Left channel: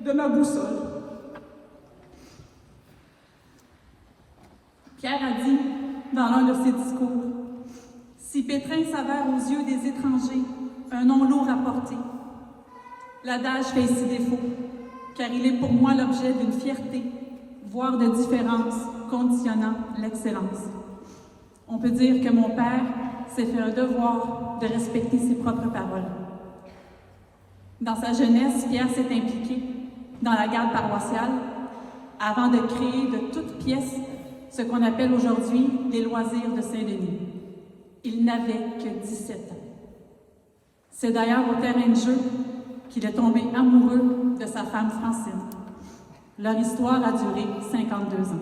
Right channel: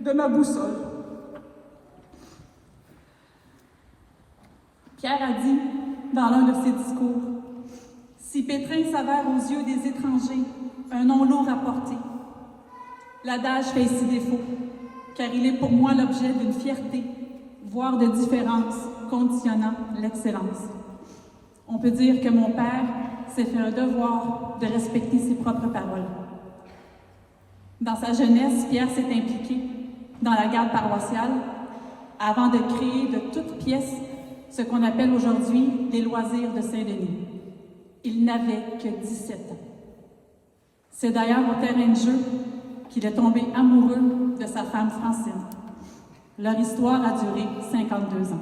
de ma boussole. Pierre a dit, dans l'un de ses discours, « Si Pétrin s'avère aux yeux des étrangers un nom lourd à porter, l'adage fait ici défaut, car il est pour moi l'objet d'une fierté, voire de différence, conditionnant l'excellence. On peut dire que mon père s'est fait un devoir de respecter ses propres paroles. Dans sa jeunesse, Pierre s'est impliqué dans la garde paroissiale avant de créer de toutes pièces ce qu'on appelle aujourd'hui les loisirs de Saint-Denis. Il n'avait que 17 ans. C'est d'ailleurs au terrain de jeu qu'il est tombé amoureux de sa femme Francine. Leur histoire a duré 52 ans.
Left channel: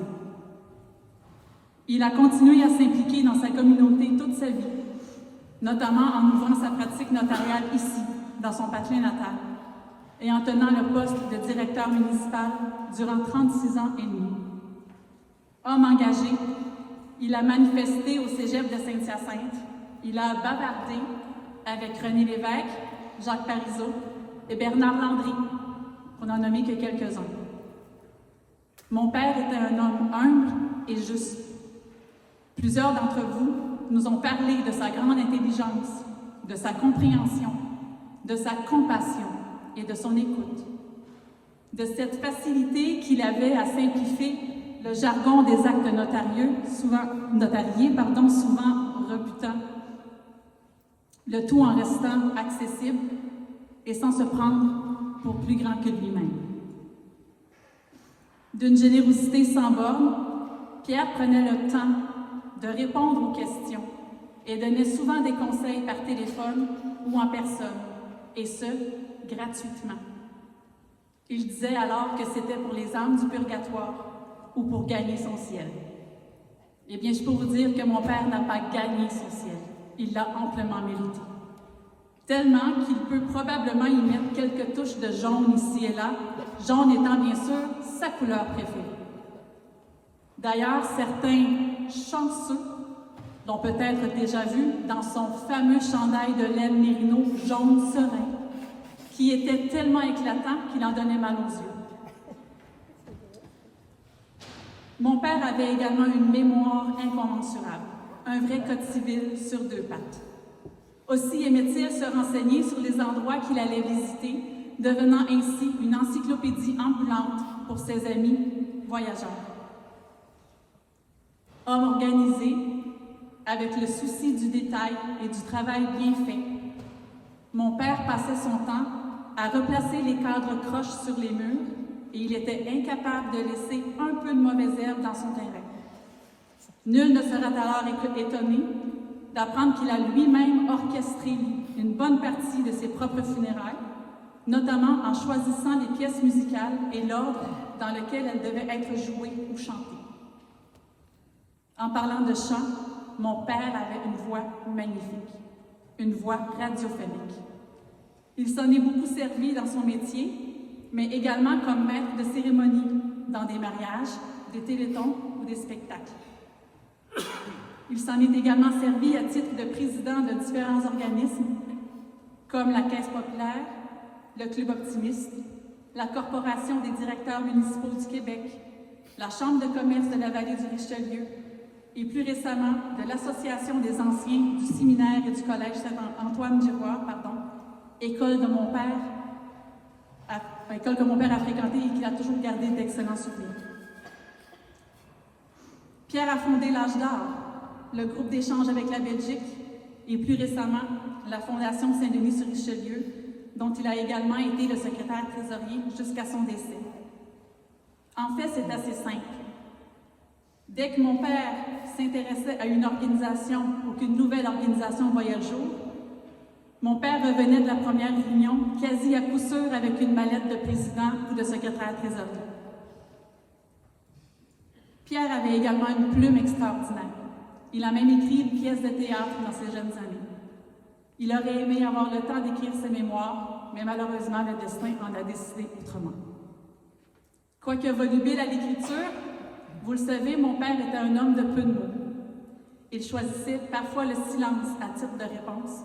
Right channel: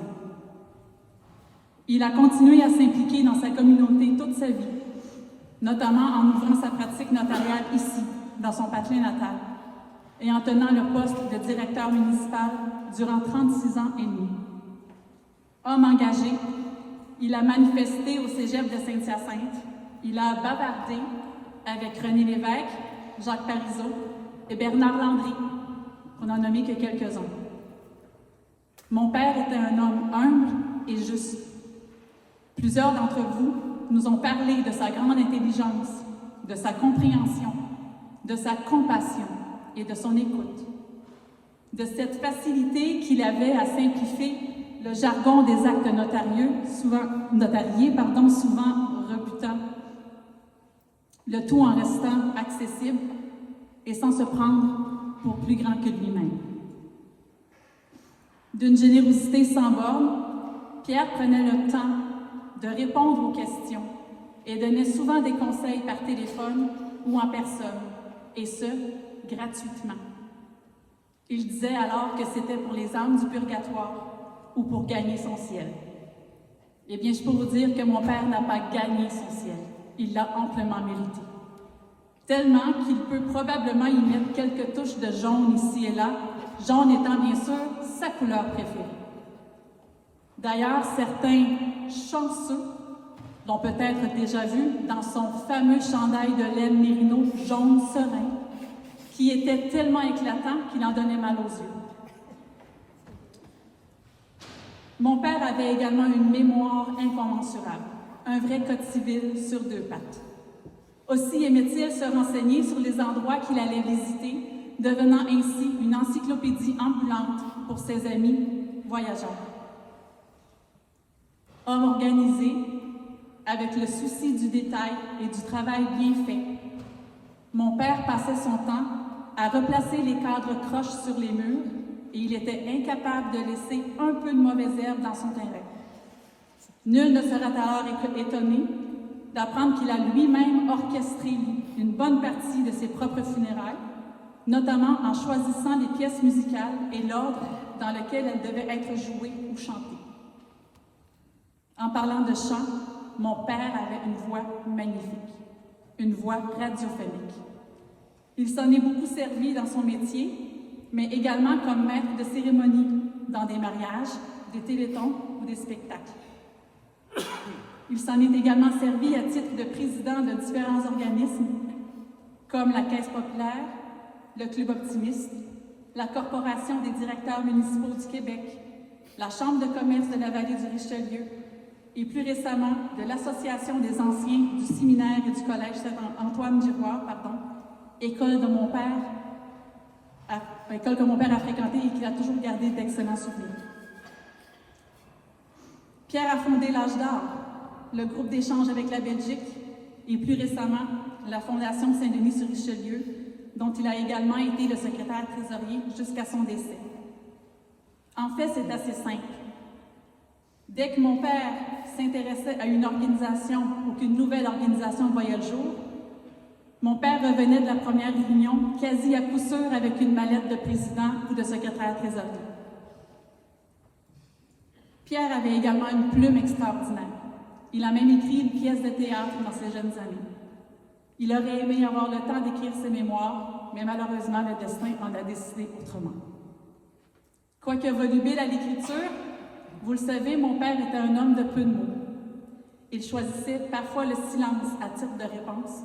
Il a continué à s'impliquer dans sa communauté toute sa vie, notamment en ouvrant sa pratique notariale ici, dans son patelin natal, et en tenant le poste de directeur municipal durant 36 ans et demi. Homme engagé, il a manifesté au cégep de Saint-Hyacinthe, il a bavardé avec René Lévesque, Jacques Parizeau et Bernard Landry, pour n'en nommer que quelques-uns. Mon père était un homme humble et juste. Plusieurs d'entre vous nous ont parlé de sa grande intelligence, de sa compréhension, de sa compassion et de son écoute, de cette facilité qu'il avait à simplifier le jargon des actes notariés, souvent rebutant, le tout en restant accessible et sans se prendre pour plus grand que lui-même. D'une générosité sans borne, Pierre prenait le temps de répondre aux questions et donnait souvent des conseils par téléphone ou en personne, et ce, gratuitement. Il disait alors que c'était pour les âmes du purgatoire ou pour gagner son ciel. Eh bien, je peux vous dire que mon père n'a pas gagné son ciel. Il l'a amplement mérité. Tellement qu'il peut probablement y mettre quelques touches de jaune ici et là, jaune étant bien sûr sa couleur préférée. D'ailleurs, certains chanceux l'ont peut-être déjà vu dans son fameux chandail de laine mérino jaune serein, qui était tellement éclatant qu'il en donnait mal aux yeux. Mon père avait également une mémoire incommensurable, un vrai code civil sur deux pattes. Aussi aimait-il se renseigner sur les endroits qu'il allait visiter, devenant ainsi une encyclopédie ambulante pour ses amis voyageurs. Homme organisé, avec le souci du détail et du travail bien fait, mon père passait son temps à replacer les cadres croches sur les murs et il était incapable de laisser un peu de mauvaise herbe dans son terrain. Nul ne sera alors étonné d'apprendre qu'il a lui-même orchestré une bonne partie de ses propres funérailles, notamment en choisissant les pièces musicales et l'ordre dans lequel elles devaient être jouées ou chantées. En parlant de chant, mon père avait une voix magnifique, une voix radiophonique. Il s'en est beaucoup servi dans son métier, mais également comme maître de cérémonie dans des mariages, des télétons ou des spectacles. Il s'en est également servi à titre de président de différents organismes, comme la Caisse populaire, le Club optimiste, la Corporation des directeurs municipaux du Québec, la Chambre de commerce de la vallée du Richelieu et plus récemment de l'Association des anciens du séminaire et du Collège Saint-Antoine-du-Roi, école que mon père a fréquentée et qu'il a toujours gardé d'excellents souvenirs. Pierre a fondé l'Âge d'Or, le groupe d'échange avec la Belgique et plus récemment la Fondation Saint-Denis-sur-Richelieu, dont il a également été le secrétaire trésorier jusqu'à son décès. En fait, c'est assez simple. Dès que mon père s'intéressait à une organisation ou qu'une nouvelle organisation voyait le jour, mon père revenait de la première réunion quasi à coup sûr avec une mallette de président ou de secrétaire trésorier. Pierre avait également une plume extraordinaire. Il a même écrit une pièce de théâtre dans ses jeunes années. Il aurait aimé avoir le temps d'écrire ses mémoires, mais malheureusement, le destin en a décidé autrement. Quoique volubile à l'écriture, vous le savez, mon père était un homme de peu de mots. Il choisissait parfois le silence à titre de réponse,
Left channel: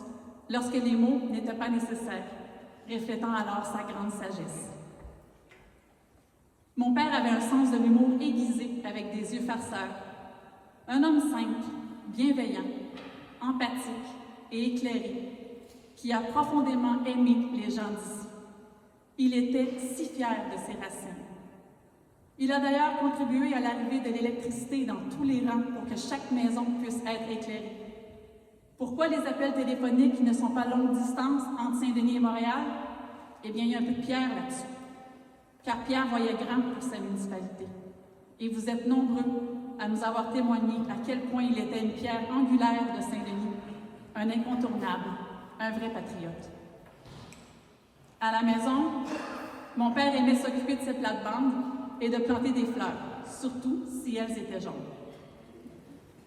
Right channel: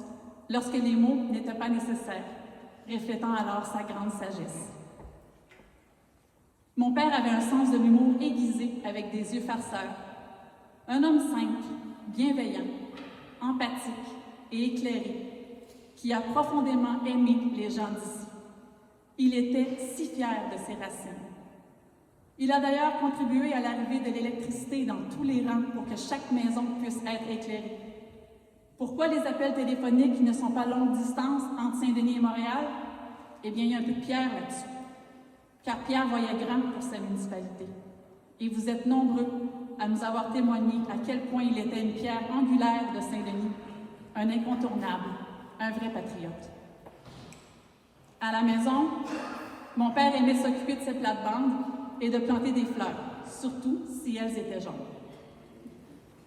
lorsque les mots n'étaient pas nécessaires, reflétant alors sa grande sagesse. Mon père avait un sens de l'humour aiguisé avec des yeux farceurs. Un homme simple, bienveillant, empathique et éclairé, qui a profondément aimé les gens d'ici. Il était si fier de ses racines. Il a d'ailleurs contribué à l'arrivée de l'électricité dans tous les rangs pour que chaque maison puisse être éclairée. Pourquoi les appels téléphoniques ne sont pas longue distance entre Saint-Denis et Montréal? Eh bien, il y a un peu de Pierre là-dessus. Car Pierre voyait grand pour sa municipalité. Et vous êtes nombreux à nous avoir témoigné à quel point il était une pierre angulaire de Saint-Denis, un incontournable, un vrai patriote. À la maison, mon père aimait s'occuper de ses plates-bandes et de planter des fleurs, surtout si elles étaient jaunes.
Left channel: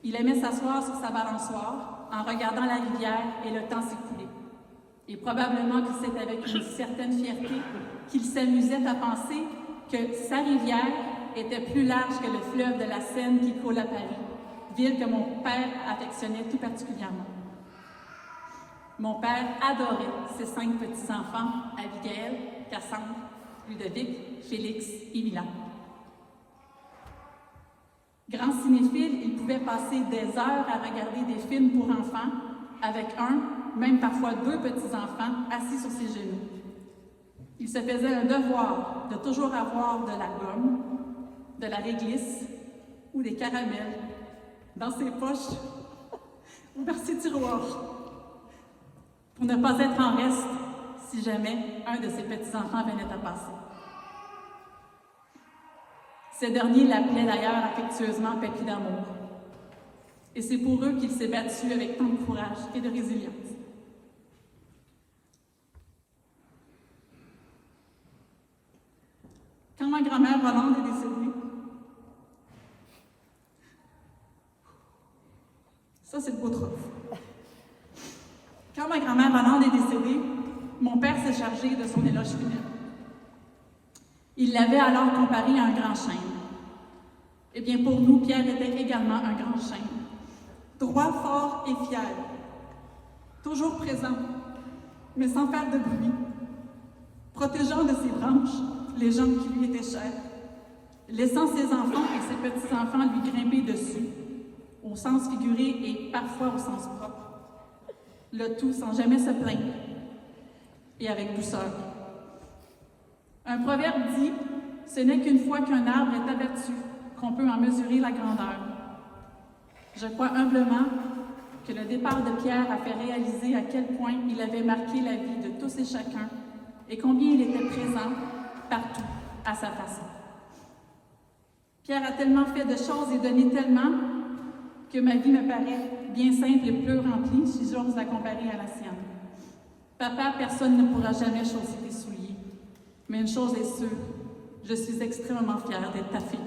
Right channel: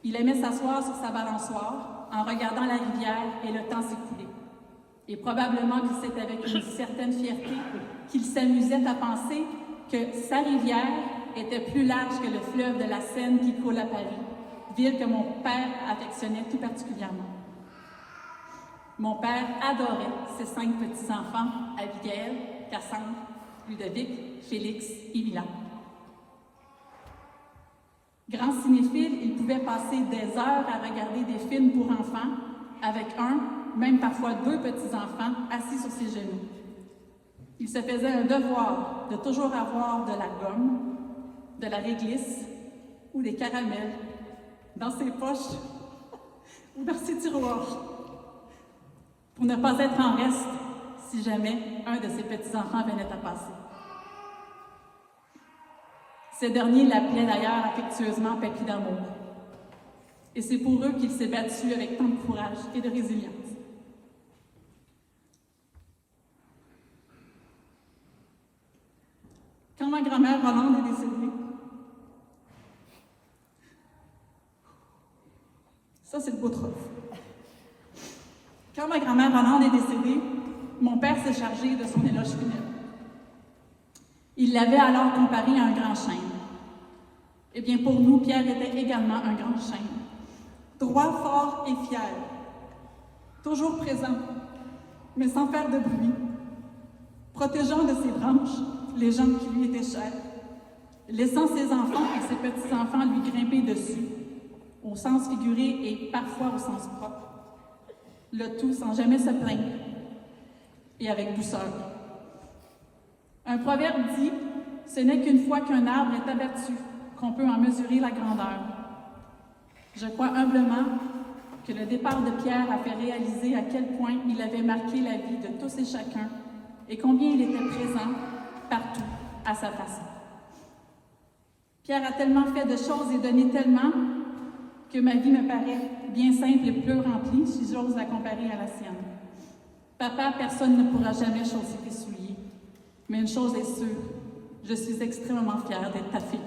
Il aimait s'asseoir sur sa balançoire en regardant la rivière et le temps s'écouler. Et probablement que c'est avec une certaine fierté qu'il s'amusait à penser que sa rivière était plus large que le fleuve de la Seine qui coule à Paris, ville que mon père affectionnait tout particulièrement. Mon père adorait ses 5 petits-enfants, Abigail, Cassandre, Ludovic, Félix et Milan. Grand cinéphile, il pouvait passer des heures à regarder des films pour enfants avec un, même parfois 2 petits-enfants assis sur ses genoux. Il se faisait un devoir de toujours avoir de la gomme, de la réglisse ou des caramels dans ses poches ou dans ses tiroirs pour ne pas être en reste si jamais un de ses petits-enfants venait à passer. Ces derniers l'appelaient d'ailleurs affectueusement Papy d'amour. Et c'est pour eux qu'il s'est battu avec tant de courage et de résilience. Quand ma grand-mère Rolande est décédée, ça c'est le beau trophée. Quand ma grand-mère Rolande est décédée, mon père s'est chargé de son éloge funèbre. Il l'avait alors comparé à un grand chêne. Eh bien, pour nous, Pierre était également un grand chêne. Droit, fort et fier. Toujours présent, mais sans faire de bruit. Protégeant de ses branches les gens qui lui étaient chers. Laissant ses enfants et ses petits-enfants lui grimper dessus, au sens figuré et parfois au sens propre. Le tout sans jamais se plaindre et avec douceur. Un proverbe dit « Ce n'est qu'une fois qu'un arbre est abattu qu'on peut en mesurer la grandeur ». Je crois humblement que le départ de Pierre a fait réaliser à quel point il avait marqué la vie de tous et chacun et combien il était présent partout, à sa façon. Pierre a tellement fait de choses et donné tellement que ma vie me paraît bien simple et peu remplie si j'ose la comparer à la sienne. Papa, personne ne pourra jamais chausser tes souliers. Mais une chose est sûre, je suis extrêmement fière d'être ta fille.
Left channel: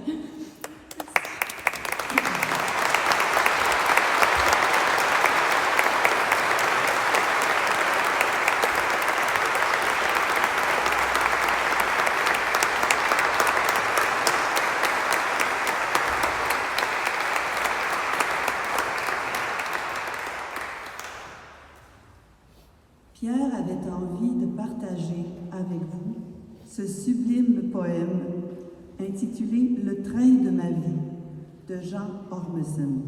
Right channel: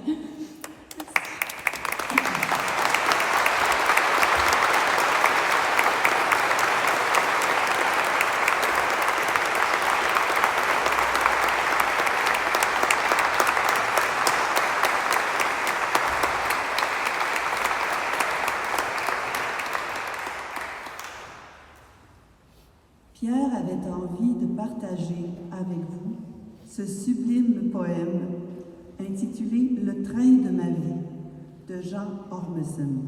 Pierre avait envie de partager avec vous ce sublime poème intitulé « Le train de ma vie » de Jean Ormesen.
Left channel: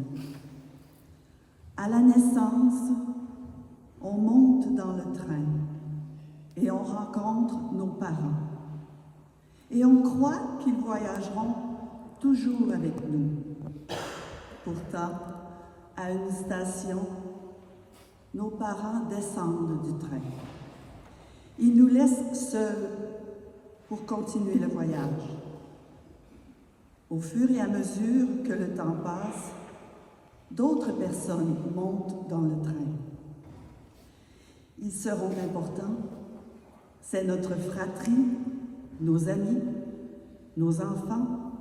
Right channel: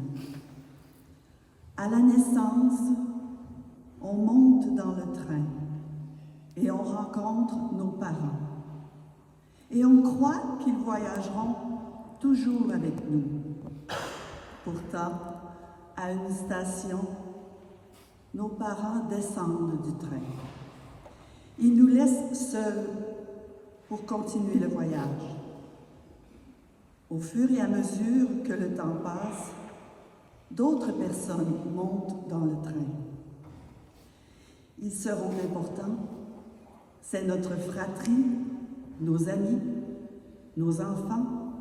À la naissance, on monte dans le train et on rencontre nos parents. Et on croit qu'ils voyageront toujours avec nous. Pourtant, à une station, nos parents descendent du train. Ils nous laissent seuls pour continuer le voyage. Au fur et à mesure que le temps passe, d'autres personnes montent dans le train. Ils seront importants. C'est notre fratrie, nos amis, nos enfants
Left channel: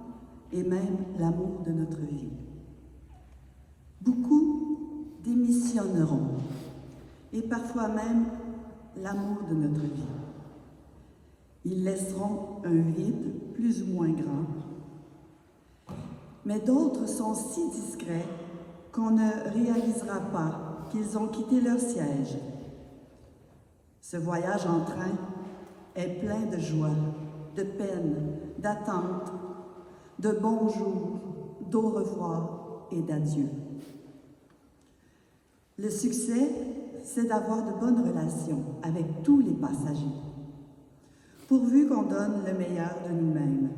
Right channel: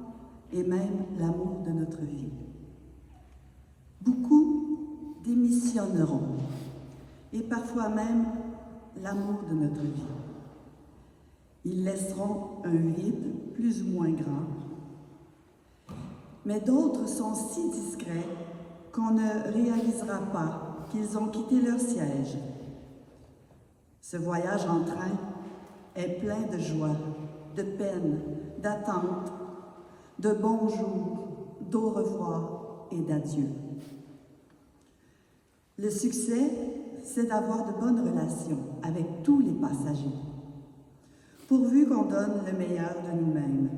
et même l'amour de notre vie. Beaucoup démissionneront et parfois même l'amour de notre vie. Ils laisseront un vide plus ou moins grand. Mais d'autres sont si discrets qu'on ne réalisera pas qu'ils ont quitté leur siège. Ce voyage en train est plein de joie de peine, d'attente, de bonjour, d'au revoir et d'adieu. Le succès, c'est d'avoir de bonnes relations avec tous les passagers, pourvu qu'on donne le meilleur de nous-mêmes.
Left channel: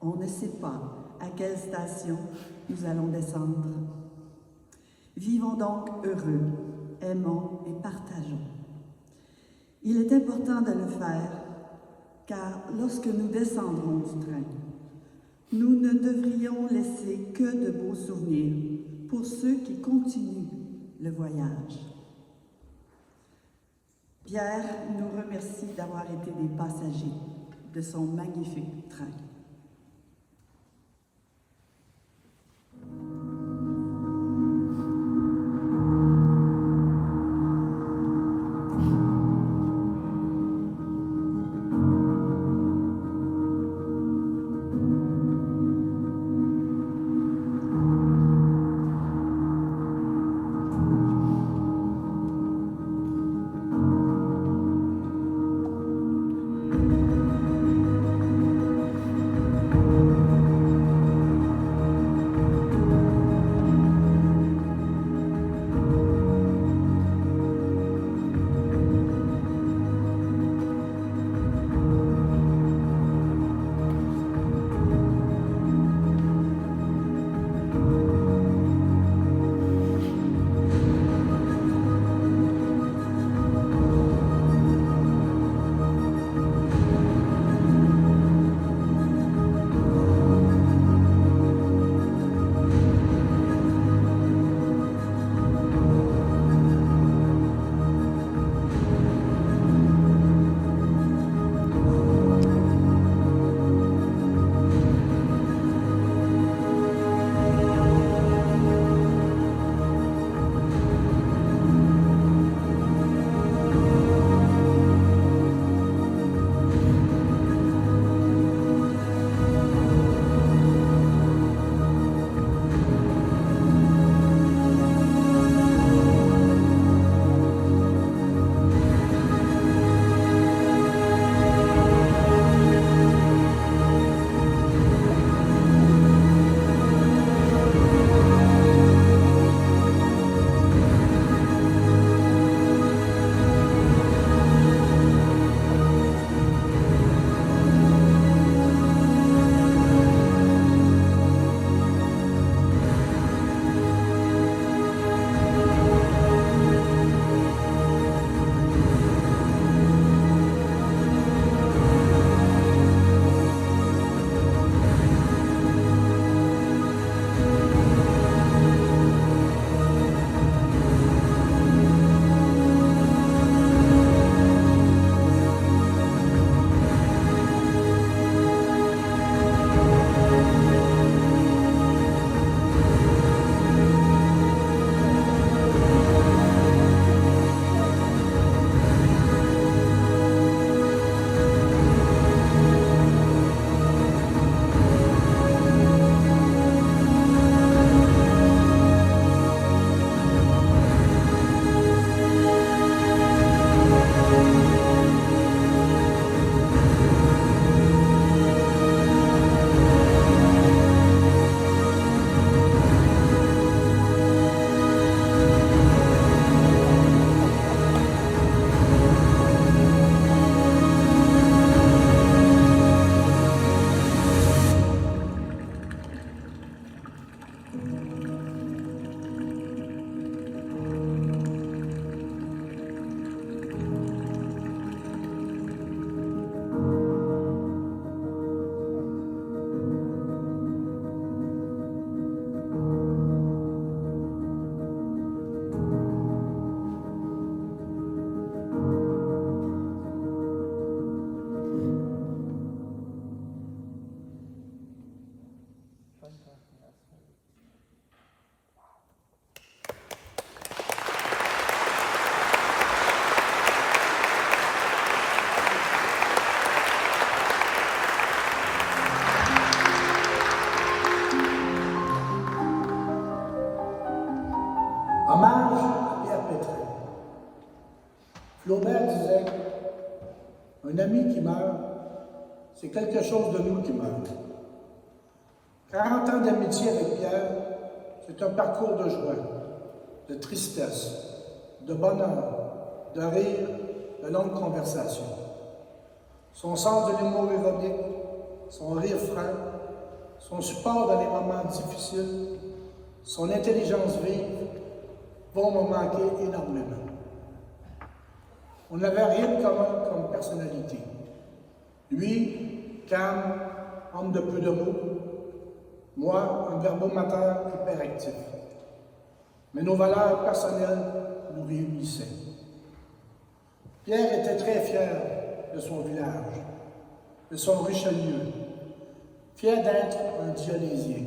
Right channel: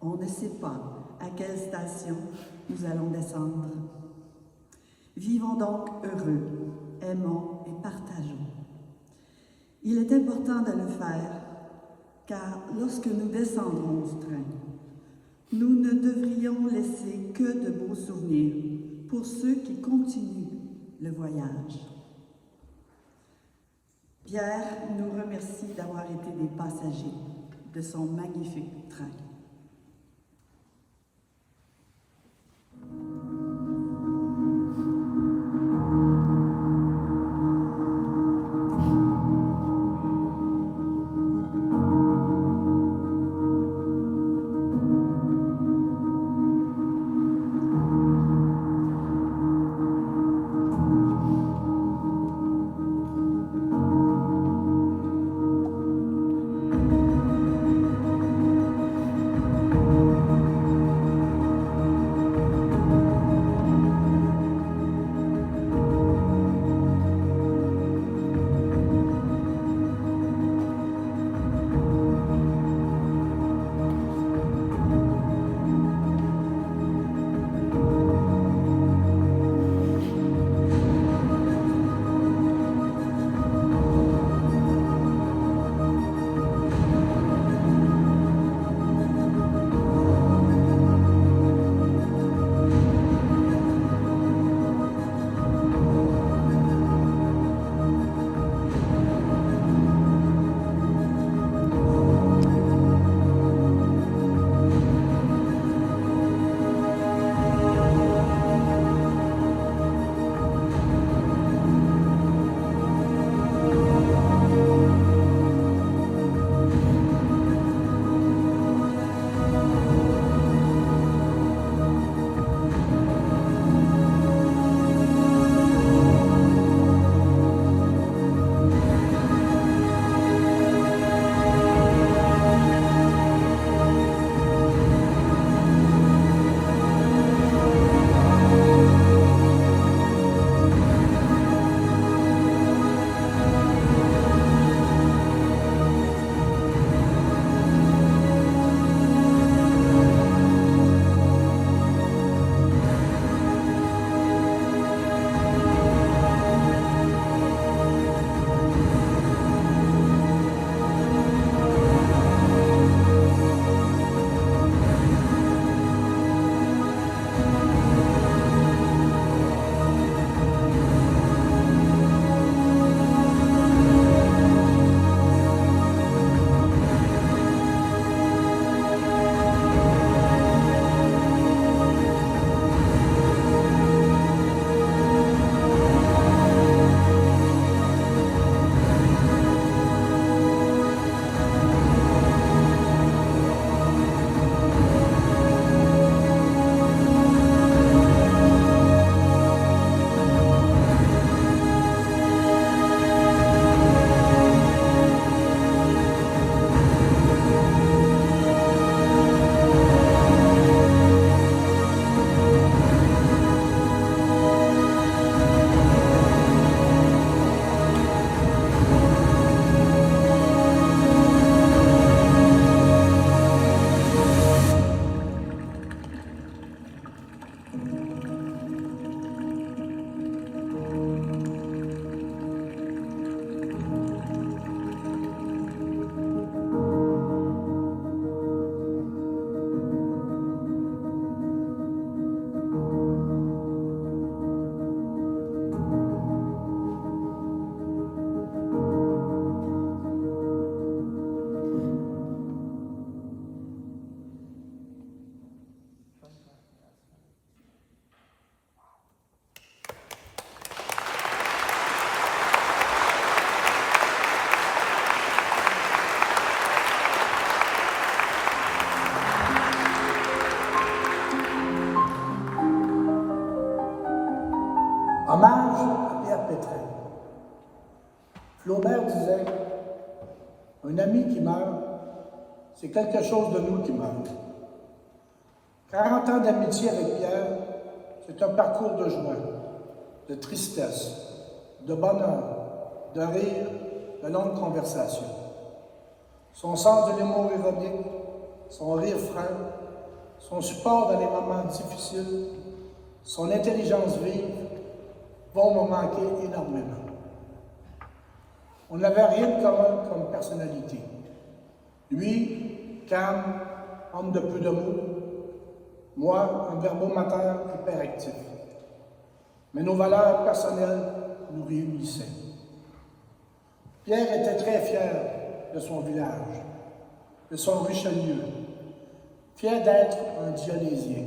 On ne sait pas à quelle station nous allons descendre. Vivons donc heureux, aimons et partageons. Il est important de le faire, car lorsque nous descendrons du train, nous ne devrions laisser que de beaux souvenirs pour ceux qui continuent le voyage. Pierre nous remercie d'avoir été des passagers de son magnifique train. Hommage à Pierre Pétraine. Flaubert disait « Un ami qui meurt c'est quelque chose de nous qui manque. 40 ans d'amitié avec Pierre, c'est un parcours de joie, de tristesse, de bonheur, de rire, de longues conversations. Son sens de l'humour ironique, son rire franc, son support dans les moments difficiles, son intelligence vive vont me manquer énormément. On n'avait rien de commun comme personnalité. Lui, calme, homme de peu de mots. Moi, un verbomoteur hyperactif. Mais nos valeurs personnelles nous réunissaient. Pierre était très fier de son village, de son Richelieu, fier d'être un Dionyésien.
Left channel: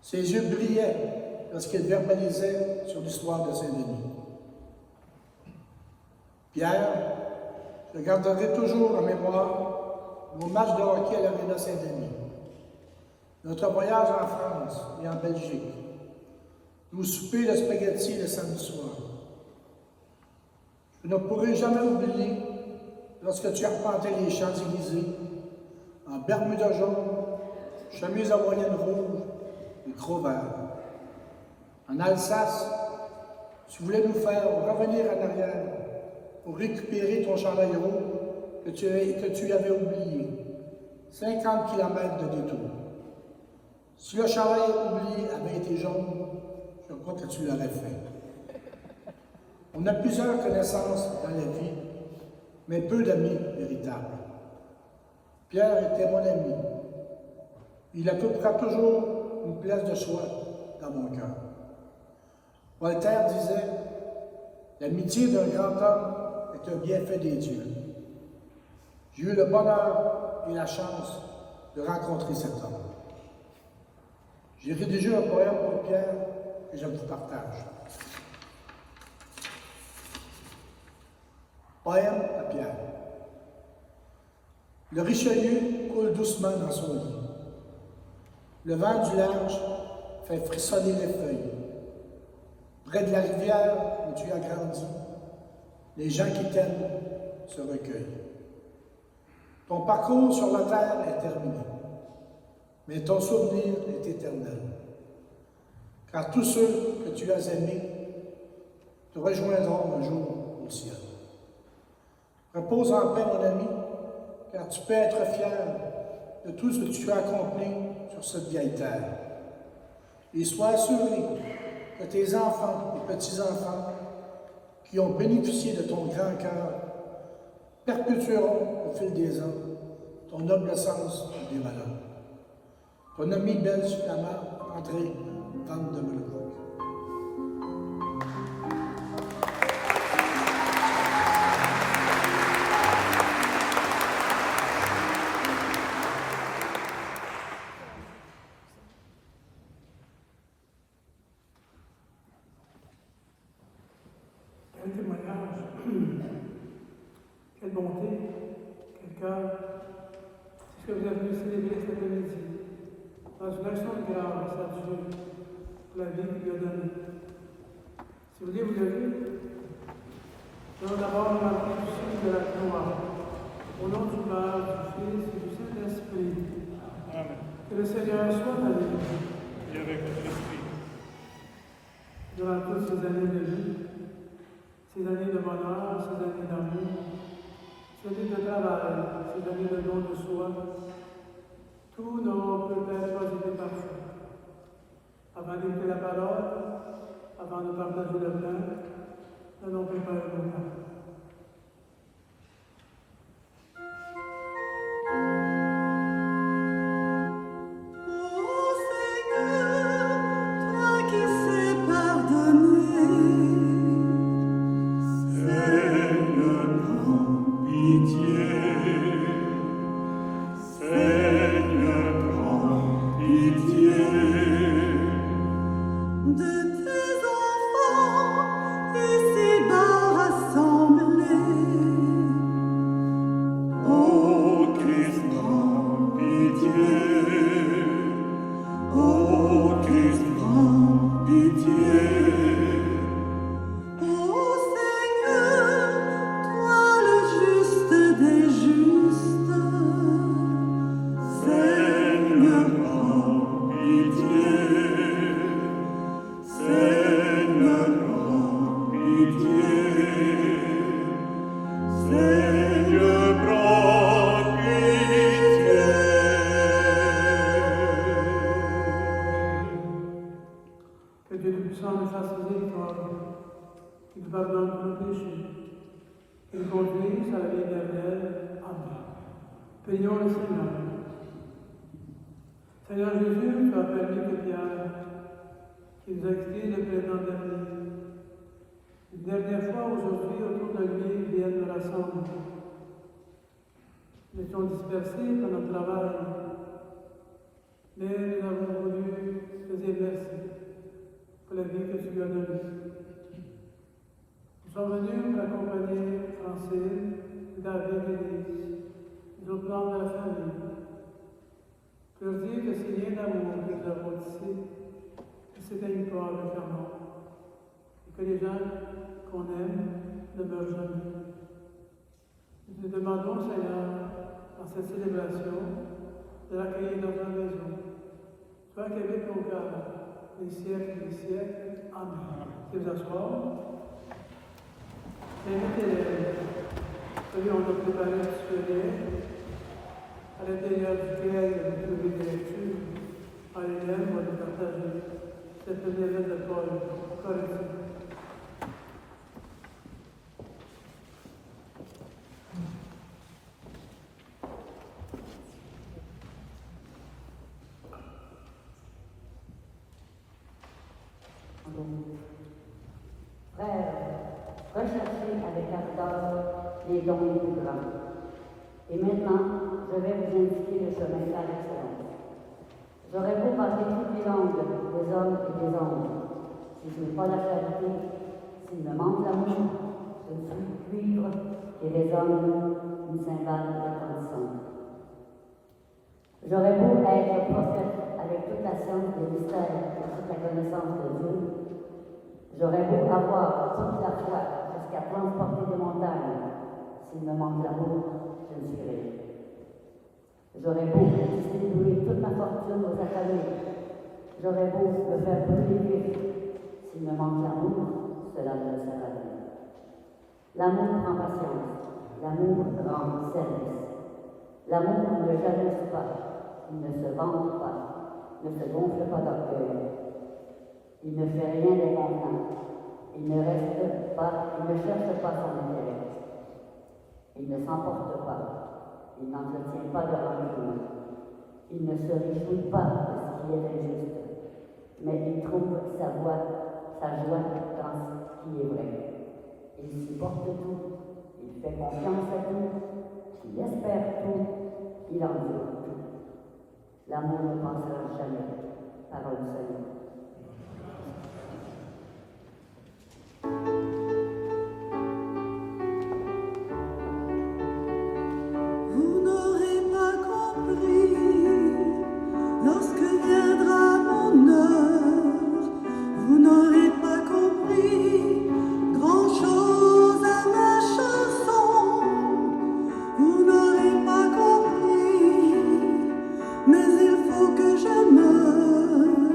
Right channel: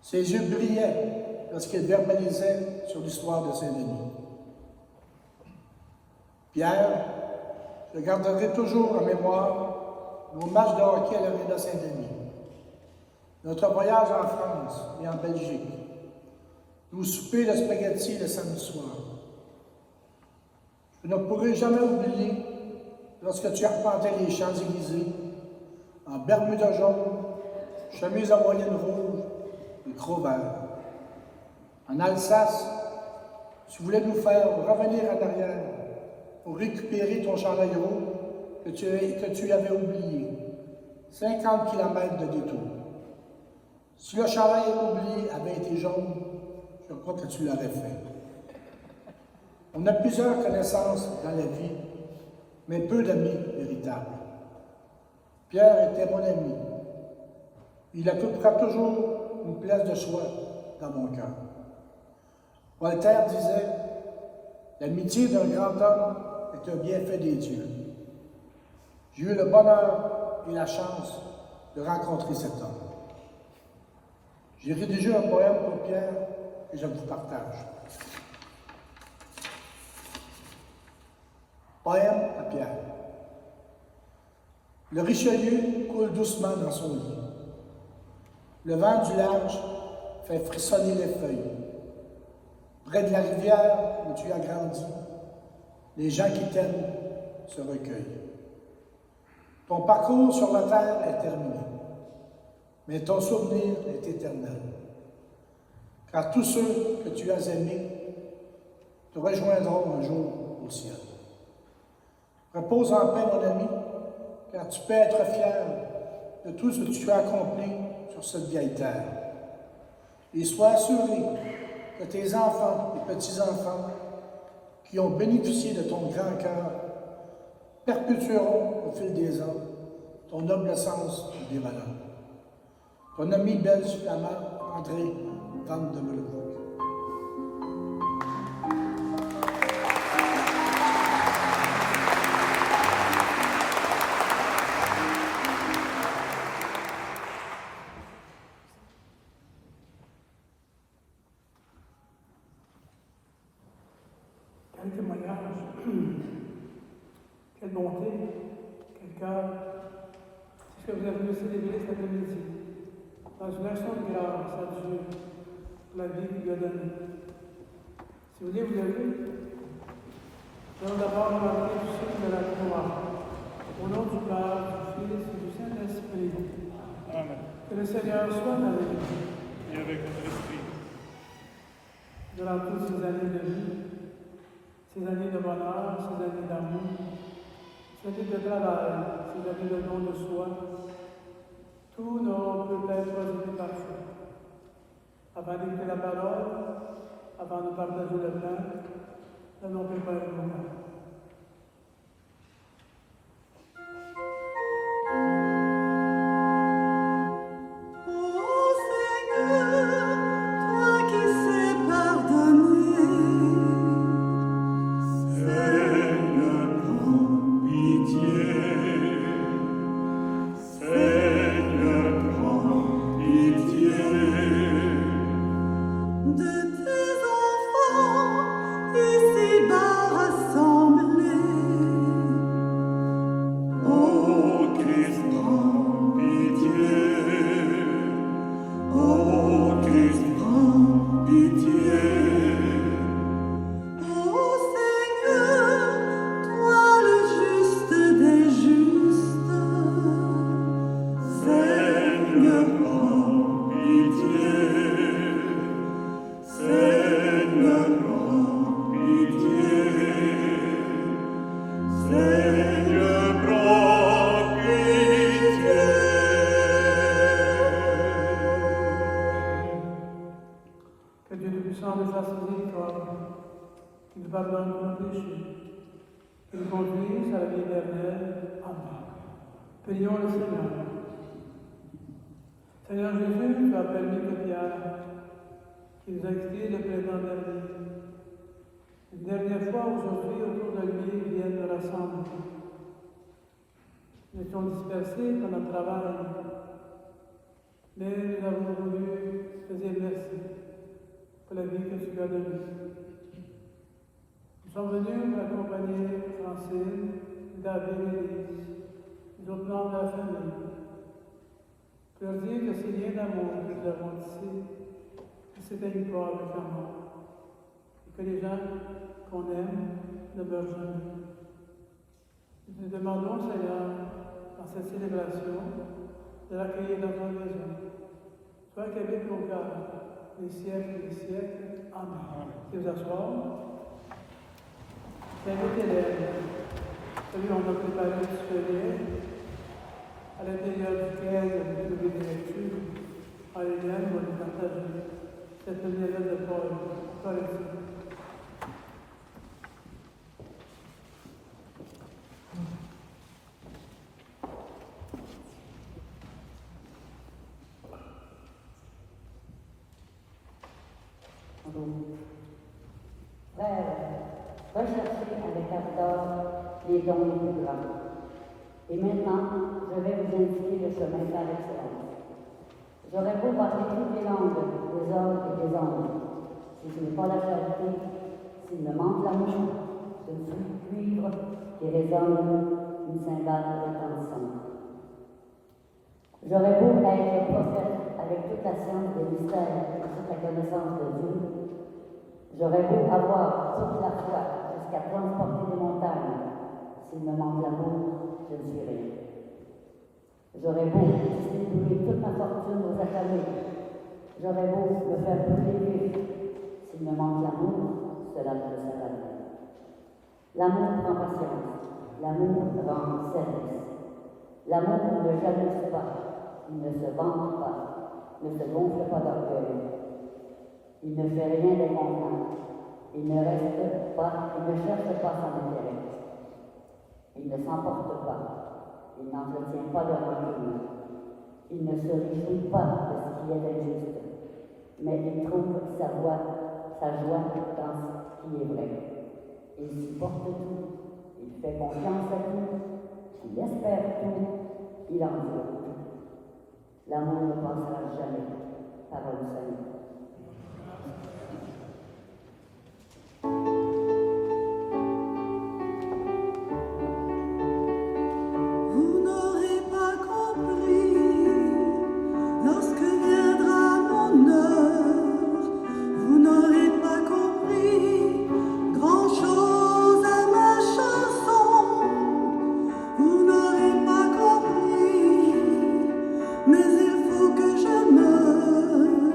Ses yeux brillaient lorsqu'il verbalisait sur l'histoire de Saint-Denis. Pierre, je garderai toujours en mémoire nos matchs de hockey à l'Arena Saint-Denis, notre voyage en France et en Belgique, nos soupers de spaghettis le samedi soir. Je ne pourrai jamais oublier lorsque tu arpentais les Champs-Élysées en bermuda jaune, chemise à moyenne rouge et gros vert. En Alsace, tu voulais nous faire revenir en arrière pour récupérer ton chandail rouge que tu avais oublié. 50 km de détour. Si le chandail oublié avait été jaune, je crois que tu l'aurais fait. On a plusieurs connaissances dans la vie, mais peu d'amis véritables. Pierre était mon ami. Il occupera toujours une place de choix dans mon cœur. Voltaire disait « L'amitié d'un grand homme est un bienfait des dieux. » J'ai eu le bonheur et la chance de rencontrer cet homme. J'ai rédigé un poème pour Pierre que je vous partage. Poème à Pierre. Le Richelieu coule doucement dans son lit. Le vent du large fait frissonner les feuilles. Près de la rivière où tu as grandi, les gens qui t'aiment se recueillent. Ton parcours sur la terre est terminé, mais ton souvenir est éternel. Car tous ceux que tu as aimés te rejoindront un jour au ciel. Repose en paix, mon ami, car tu peux être fier de tout ce que tu as accompli sur cette vieille terre. Et sois assuré que tes enfants et petits-enfants qui ont bénéficié de ton grand cœur perpétueront au fil des ans ton noble sens des valeurs. Ton ami belge flamand, André Van de Meuleroy. Quel témoignage, quelle bonté, quel cœur. C'est ce que vous avez voulu célébrer cet après-midi, dans une action de grâce à Dieu pour la vie qu'il lui a donnée. Si vous voulez vous lever, nous allons d'abord nous rappeler du cycle de la croix. Au nom du Père, du Fils et du Saint-Esprit. Amen. Que le Seigneur soit avec vous. Et avec votre esprit. Durant toutes ces années de vie, ces années de bonheur, ces années d'amour, ces années de travail, ces années de don de soi, tout n'a peut-être pas été parfait. Avant d'écouter la parole, avant de partager le pain, nous allons préparer nos mains. De tes enfants, ici-bas rassemblés, pardonne tous nos péchés, qui nous conduise à la vie éternelle. Amen. Prions le Seigneur. Seigneur Jésus, tu as permis que Pierre, qui nous a écrit le printemps dernier, une dernière fois aujourd'hui autour de lui, vienne nous rassembler. Nous étions dispersés par notre travail, mais nous avons voulu te dire merci pour la vie que tu lui as donnée. Nous sommes venus pour accompagner Francine, David et Lise, les autres membres de la famille, pour leur dire que ces liens d'amour que nous avons tissés ne s'éteignent pas avec la mort, et que les gens qu'on aime ne meurent jamais. Nous te demandons, Seigneur, dans cette célébration, de l'accueillir dans ta maison. Sois qui habite nos cœurs, les siècles et les siècles. Amen. Si vous asseoir, j'invite Hélène, celui on a préparé un petit feuillet, à l'intérieur duquel il y a beaucoup de lectures. Alors Hélène va nous partager cette première lettre de Paul. Corinthiens. Frères, recherchez avec ardeur les dons les plus grands. Et maintenant, je vais vous indiquer le chemin par excellence. J'aurais beau parler toutes les langues des hommes et des anges. Si je n'ai pas la charité, s'il me manque l'amour, je ne suis cuivre et les hommes une cymbale de l'attention. J'aurais beau être prophète avec toute la science des mystères et toute la connaissance de Dieu. J'aurais beau avoir toute la foi jusqu'à transporter des montagnes. S'il me manque l'amour, je ne suis rien. J'aurais beau distribuer toute ma fortune aux affamés. J'aurais beau me faire brûler vif. S'il me manque l'amour, cela ne me sera rien. L'amour prend patience. L'amour rend service. L'amour ne jalouse pas. Il ne se vante pas. Ne se gonfle pas d'orgueil. Il ne fait rien d'inconvenant. Il ne reste pas, il ne cherche pas son intérêt. Il ne s'emporte pas. Il n'entretient pas de rancune. Il ne se réjouit pas de ce qui est injuste. Mais il trouve sa joie dans ce qui est vrai. Il supporte tout. Il fait confiance à tout. Il espère tout. Il endure tout. L'amour ne passera jamais. Parole du Seigneur. Vous n'aurez pas compris lorsque viendra mon heure. Vous n'aurez pas compris grand-chose à ma chanson. Vous n'aurez pas compris, mais il faut que je meure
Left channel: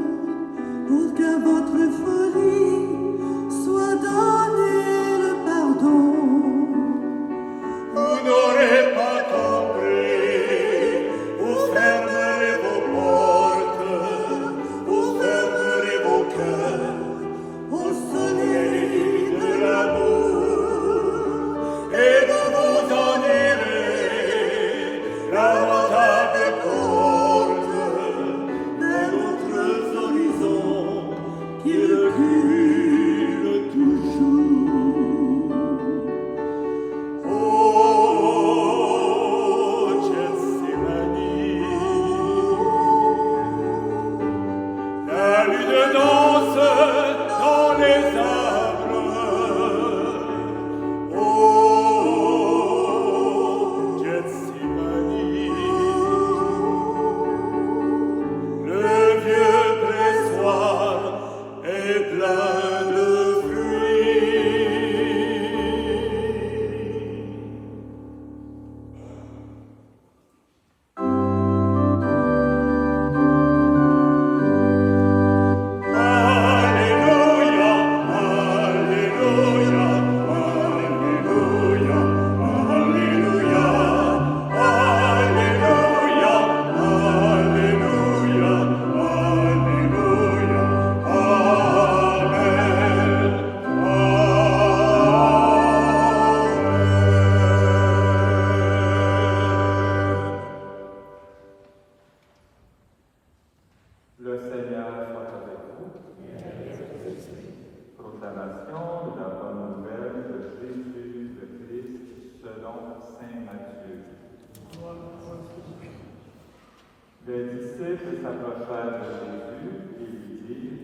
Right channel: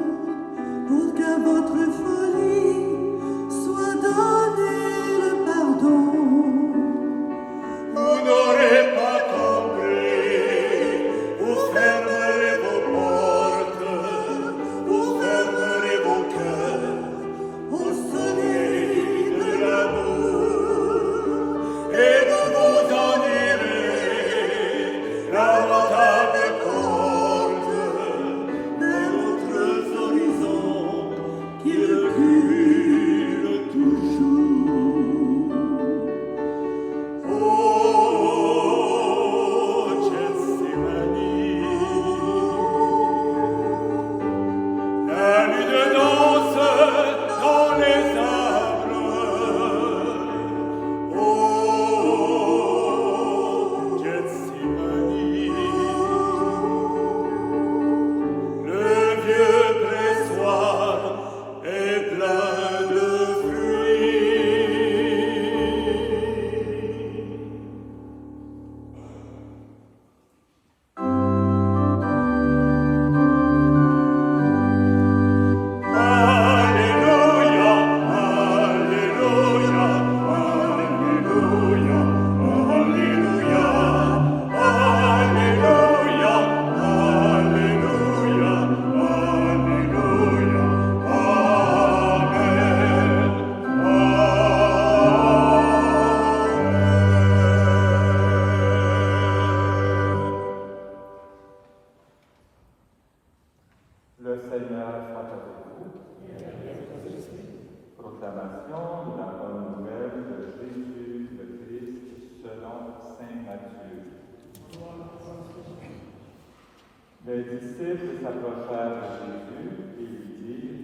Les disciples s'approchèrent de Jésus et lui dirent,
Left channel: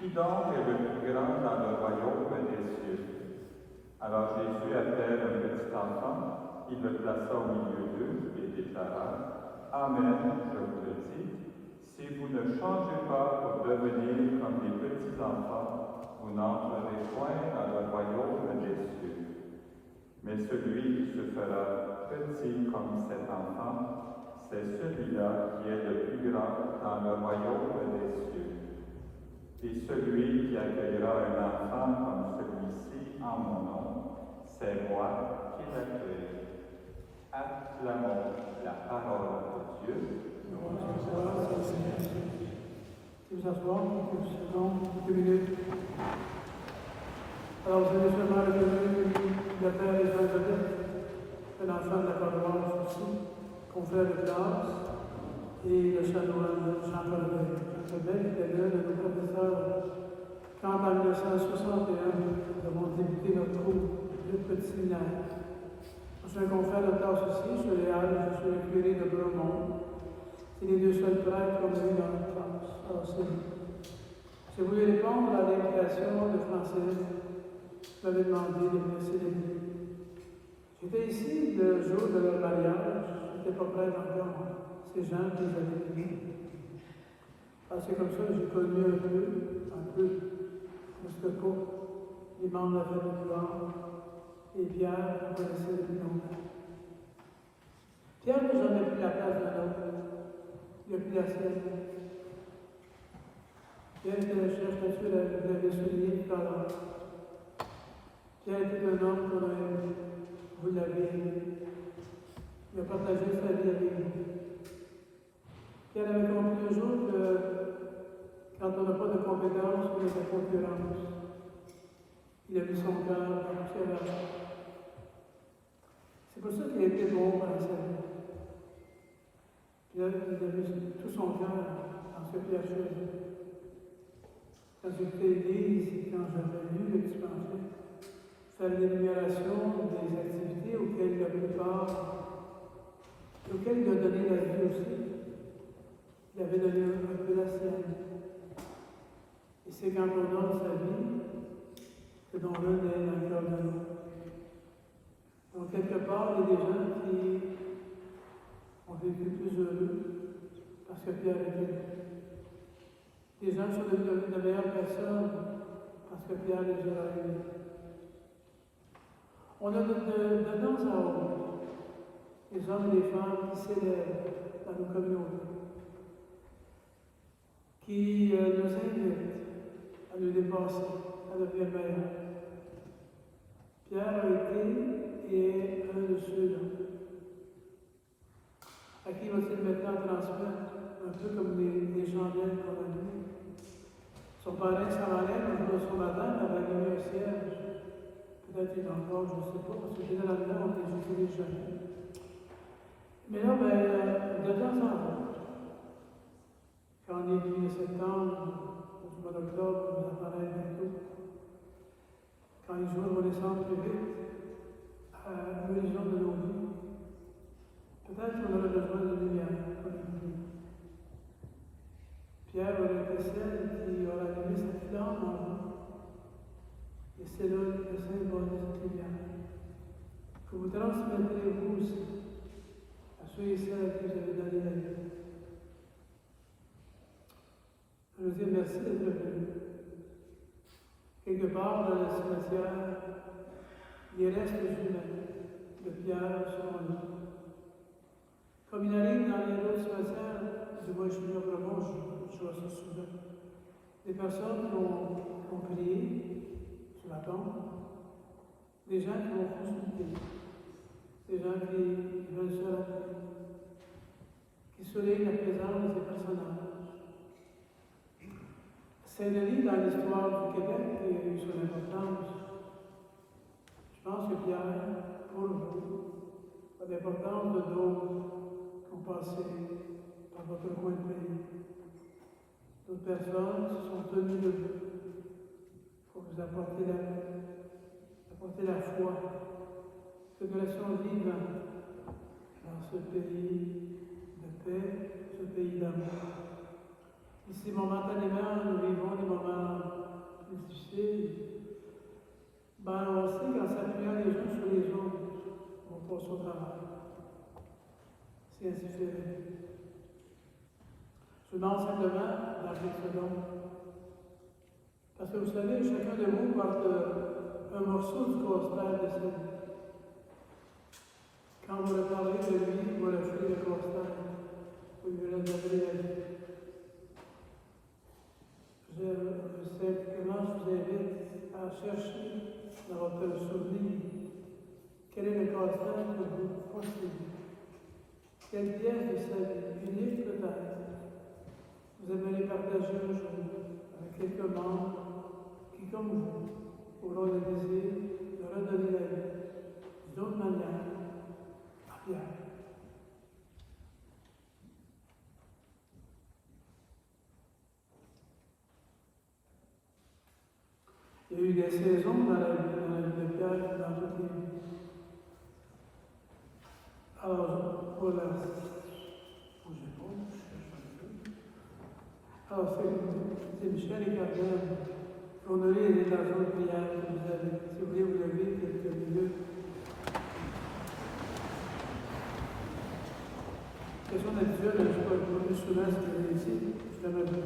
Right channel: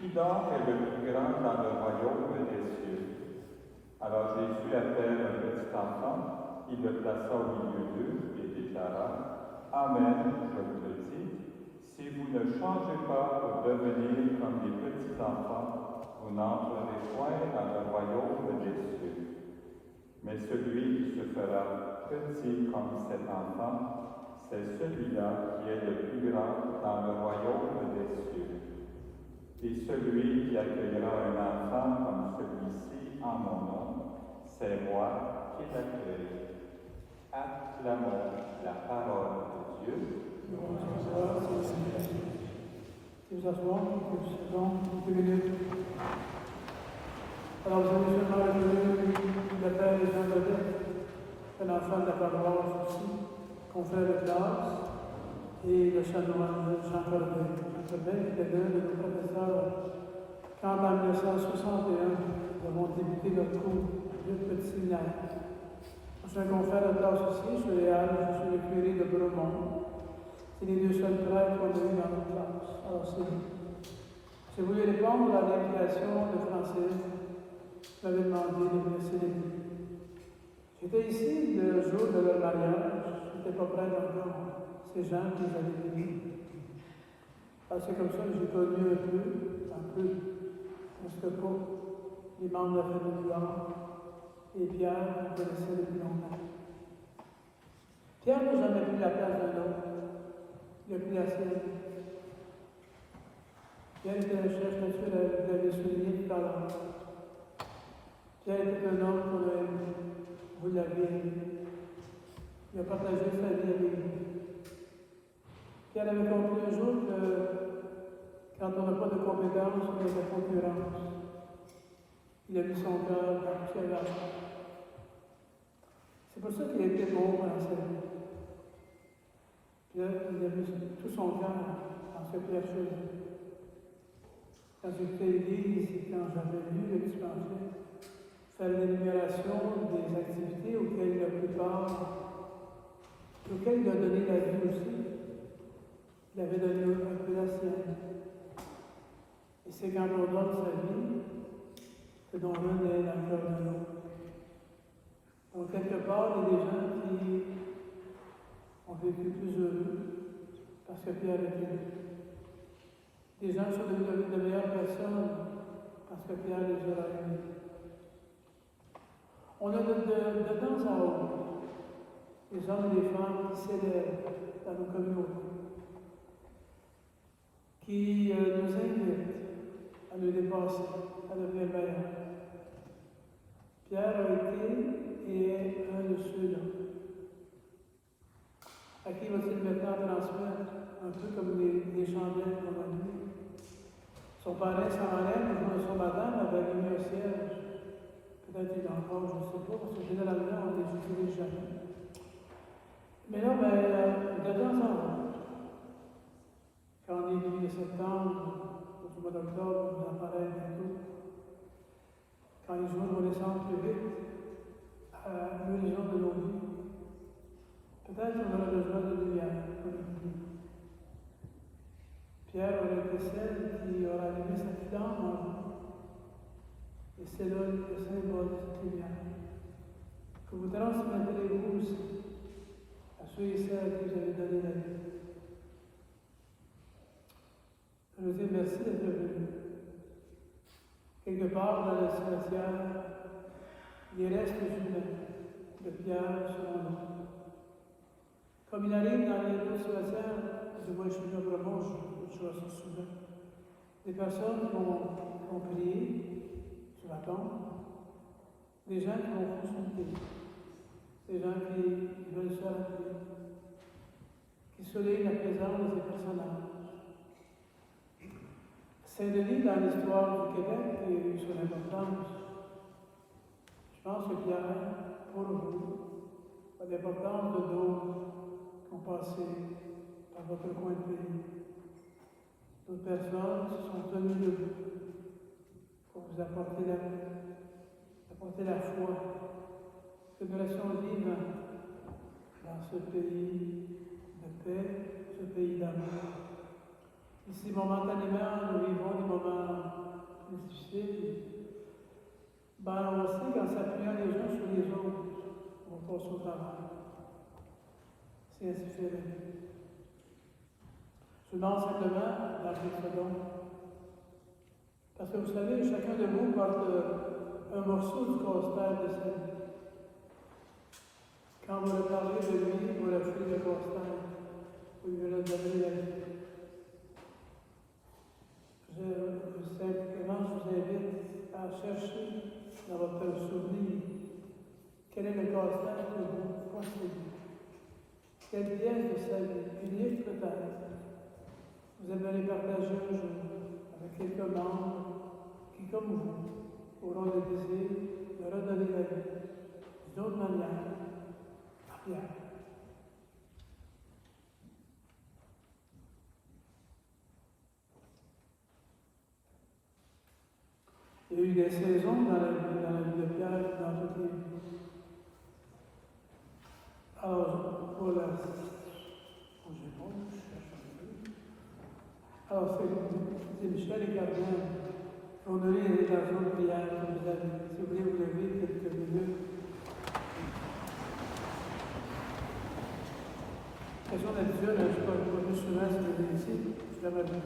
qui donc est le plus grand dans le royaume des cieux? Alors Jésus appela un petit enfant, il le plaça au milieu d'eux et déclara, Amen, je vous le dis, si vous ne changez pas pour devenir comme des petits enfants, vous n'entrerez point dans le royaume des cieux. Mais celui qui se fera petit comme cet enfant, c'est celui-là qui est le plus grand dans le royaume des cieux. Et celui qui accueillera un enfant comme celui-ci en mon nom, c'est moi qui l'accueille. Acclamons la parole de Dieu. Nous asseoir quelques secondes, quelques minutes. Alors, vous avez sûrement reconnu le père et Jean Godet, un enfant de la paroisse aussi, confrère de classe, et le chanoine Jean Corbeil. Jean Corbeil était l'un de nos professeurs quand, en 1961, nous avons débuté notre cours de petit séminaire. Je suis un confrère de classe aussi, je suis le curé de Bromont. C'est les deux seuls prêtres qu'on a eu dans notre classe. Alors, c'est bon. Je voulais répondre à l'invitation de Francis qui m'avait demandé de venir célébrer. J'étais ici le jour de leur mariage, je n'étais pas prêtre encore. C'est Jean qui les avait venus. Alors, c'est comme ça que j'ai connu un peu, parce que pas les membres de la famille Gloire et Pierre, qu'on connaissait depuis longtemps. Pierre n'a jamais pris la place d'un autre. Il a pris la sienne. Pierre était le chef naturel, vous l'avez souligné tout à l'heure. Pierre était un homme qu'on a aimé. Vous l'avez aimé. Il a partagé sa vie avec vous. Pierre avait compris un jour que quand on n'a pas de compétences, on a de la concurrence. Il a mis son cœur dans ce qu'il avait. C'est pour ça qu'il a été bon dans sa vie. Il a mis tout son cœur dans ce qu'il a choisi. Quand j'étais l'église, quand j'avais lu le dispensaire, faire l'énumération des activités auxquelles il a pris part, auxquelles il a donné la vie aussi. Il avait donné un peu la sienne. Et c'est quand on donne sa vie que l'on renaît dans le cœur de l'autre. Donc, quelque part, il y a des gens qui ont vécu plus heureux parce que Pierre était là. Des gens sont devenus de meilleures personnes parce que Pierre les a aimés. On a de temps à autre des hommes et des femmes qui s'élèvent dans nos communautés, qui nous invitent à nous dépasser, à devenir meilleurs. Pierre a été et est un de ceux-là. À qui va-t-il maintenant transmettre, un peu comme les chandelles qu'on a vues? Son parrain Saint-Valère, le jour de son madame, avait allumé un cierge. Peut-être il encore, je ne sais pas, parce que j'étais dans la maison, on ne les utilisait jamais. Mais là, de temps en temps, quand on est le 1er septembre, au mois d'octobre, nous apparaît bientôt, quand les jours vont descendre plus vite, à l'horizon de nos vies, peut-être qu'on aura besoin de lumière pour les prier. Pierre aurait été celle qui aura allumé cette flamme en vous. Et c'est là le symbole de cette lumière. Que vous transmettrez vous aussi à ceux et celles qui vous avez donné la vie. Je vous dis merci d'être venu. Quelque part dans le cimetière, les restes humains de Pierre seront là. Comme il arrive dans les autres cimetières, du moins je suis là vraiment, je vois ça souvent. Des personnes qui ont prié sur la tombe, des gens qui ont consulté, des gens qui veulent se rappeler, qui soulignent la présence des personnages. Saint-Denis, dans l'histoire du Québec, a eu son importance. Je pense que Pierre, pour vous, a l'importance de d'autres qui ont passé par votre coin de pays. D'autres personnes se sont tenues debout pour vous apporter la paix, apporter la foi, que nous restions vivants dans ce pays de paix, ce pays d'amour. Ici, momentanément, nous vivons des moments difficiles. On sait qu'en s'appuyant les uns sur les autres, on passe au travail. C'est ainsi fait. Je demande simplement dans quelques secondes. Parce que vous savez, chacun de vous porte un morceau du casse-tête de sa vie. Quand vous le parlez de lui, vous lâchez le casse-tête, vous lui donnerez la vie. Simplement, je vous invite à chercher dans votre souvenir quel est le casse-tête que vous possédez. Quelle pièce de sa vie, unique peut-être, vous aimeriez partager un jour avec quelques membres qui, comme vous, auront le désir de redonner la vie d'une autre manière à Pierre. Il y a eu des saisons dans la vie de Pierre, dans toutes les vies. Alors, pour la... Alors, c'est Michel et Cardin. On a lu les intentions de prière que vous avez. Si vous voulez vous lever quelques minutes. Question habituelle, je ne sais pas plus souvent ce que vous ici. Je l'ai mal vu.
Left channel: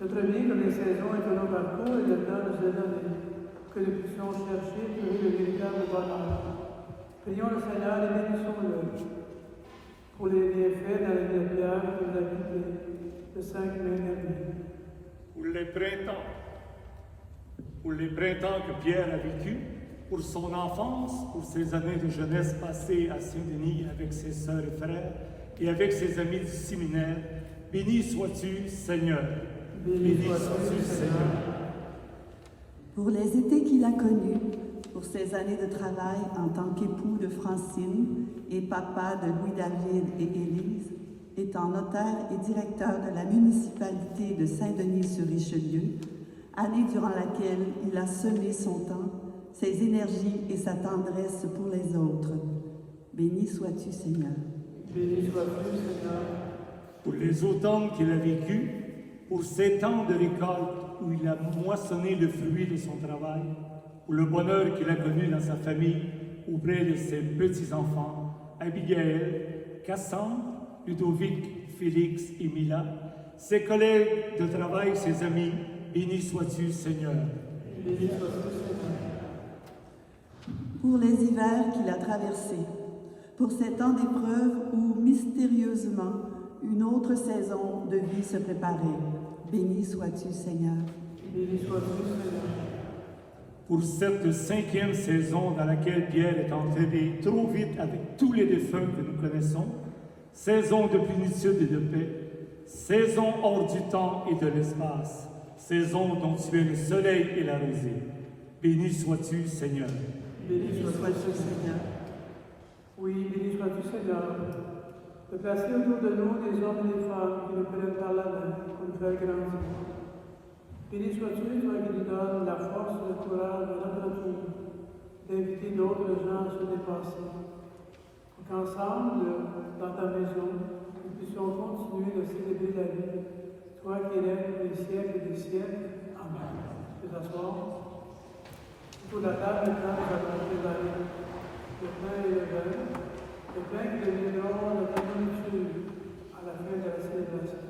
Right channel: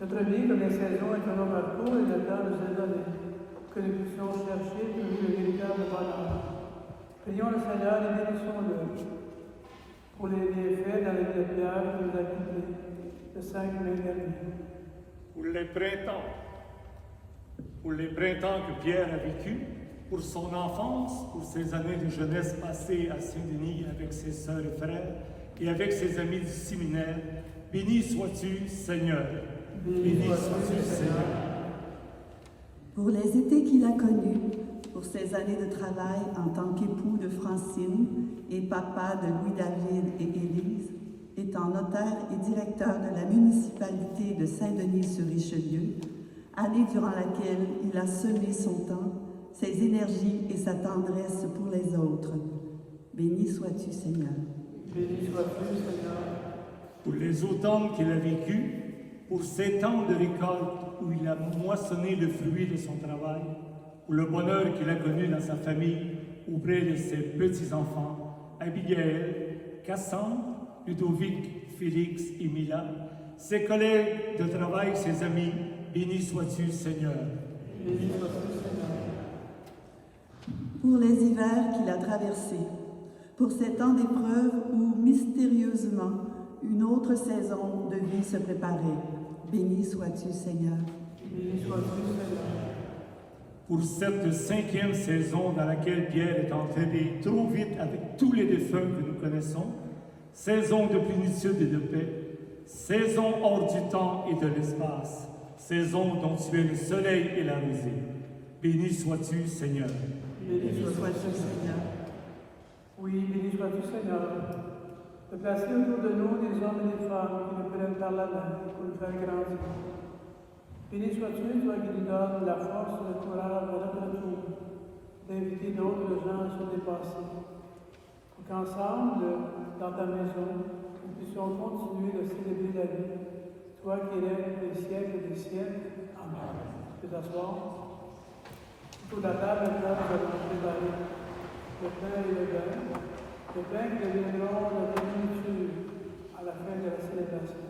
Notre vie, comme les saisons, est un long parcours et le temps nous est donné. Que nous puissions chercher, trouver le véritable bonheur. Prions le Seigneur et bénissons-le pour les bienfaits dans la vie de Pierre qui nous a quittés le 5 mai dernier. Pour les printemps que Pierre a vécus, pour son enfance, pour ses années de jeunesse passées à Saint-Denis avec ses sœurs et frères et avec ses amis du séminaire, béni sois-tu, Seigneur. Béni sois-tu, Seigneur. Pour les étés qu'il a connus, pour ses années de travail en tant qu'époux de Francine et papa de Louis-David et Élise, étant notaire et directeur de la municipalité de Saint-Denis-sur-Richelieu, année durant laquelle il a semé son temps, ses énergies et sa tendresse pour les autres. Béni sois-tu, Seigneur. Béni sois-tu, Seigneur. Pour les automnes qu'il a vécus, pour ces temps de récolte où il a moissonné le fruit de son travail, pour le bonheur qu'il a connu dans sa famille auprès de ses petits-enfants, Abigail, Cassandre, Ludovic, Félix et Mila, ses collègues de travail, ses amis, béni sois-tu, Seigneur. Béni sois-tu, Seigneur. Pour les hivers qu'il a traversés, pour ces temps d'épreuve où, mystérieusement, une autre saison de vie se préparait. Béni sois-tu, Seigneur. Béni sois-tu, Seigneur. Pour cette 5e saison dans laquelle Pierre est entré trop vite avec tous les défunts que nous connaissons, saison de plénitude et de paix, saison hors du temps et de l'espace, saison dont tu es le soleil et la rosée. Béni sois-tu, Seigneur. Béni sois-tu, Seigneur. Oui, béni sois-tu, Seigneur, de placer autour de nous des hommes et des femmes qui nous prennent par la main pour nous faire grandir. Béni sois-tu, toi qui nous donnes la force et le courage à notre tour d'inviter d'autres gens à se dépasser, pour qu'ensemble, dans ta maison, nous puissions continuer de célébrer la vie, toi qui règnes des siècles et des siècles. Amen. Tu peux t'asseoir. Autour de la table, maintenant, nous allons préparer le pain et le vin, le pain qui deviendront notre nourriture à la fin de la célébration.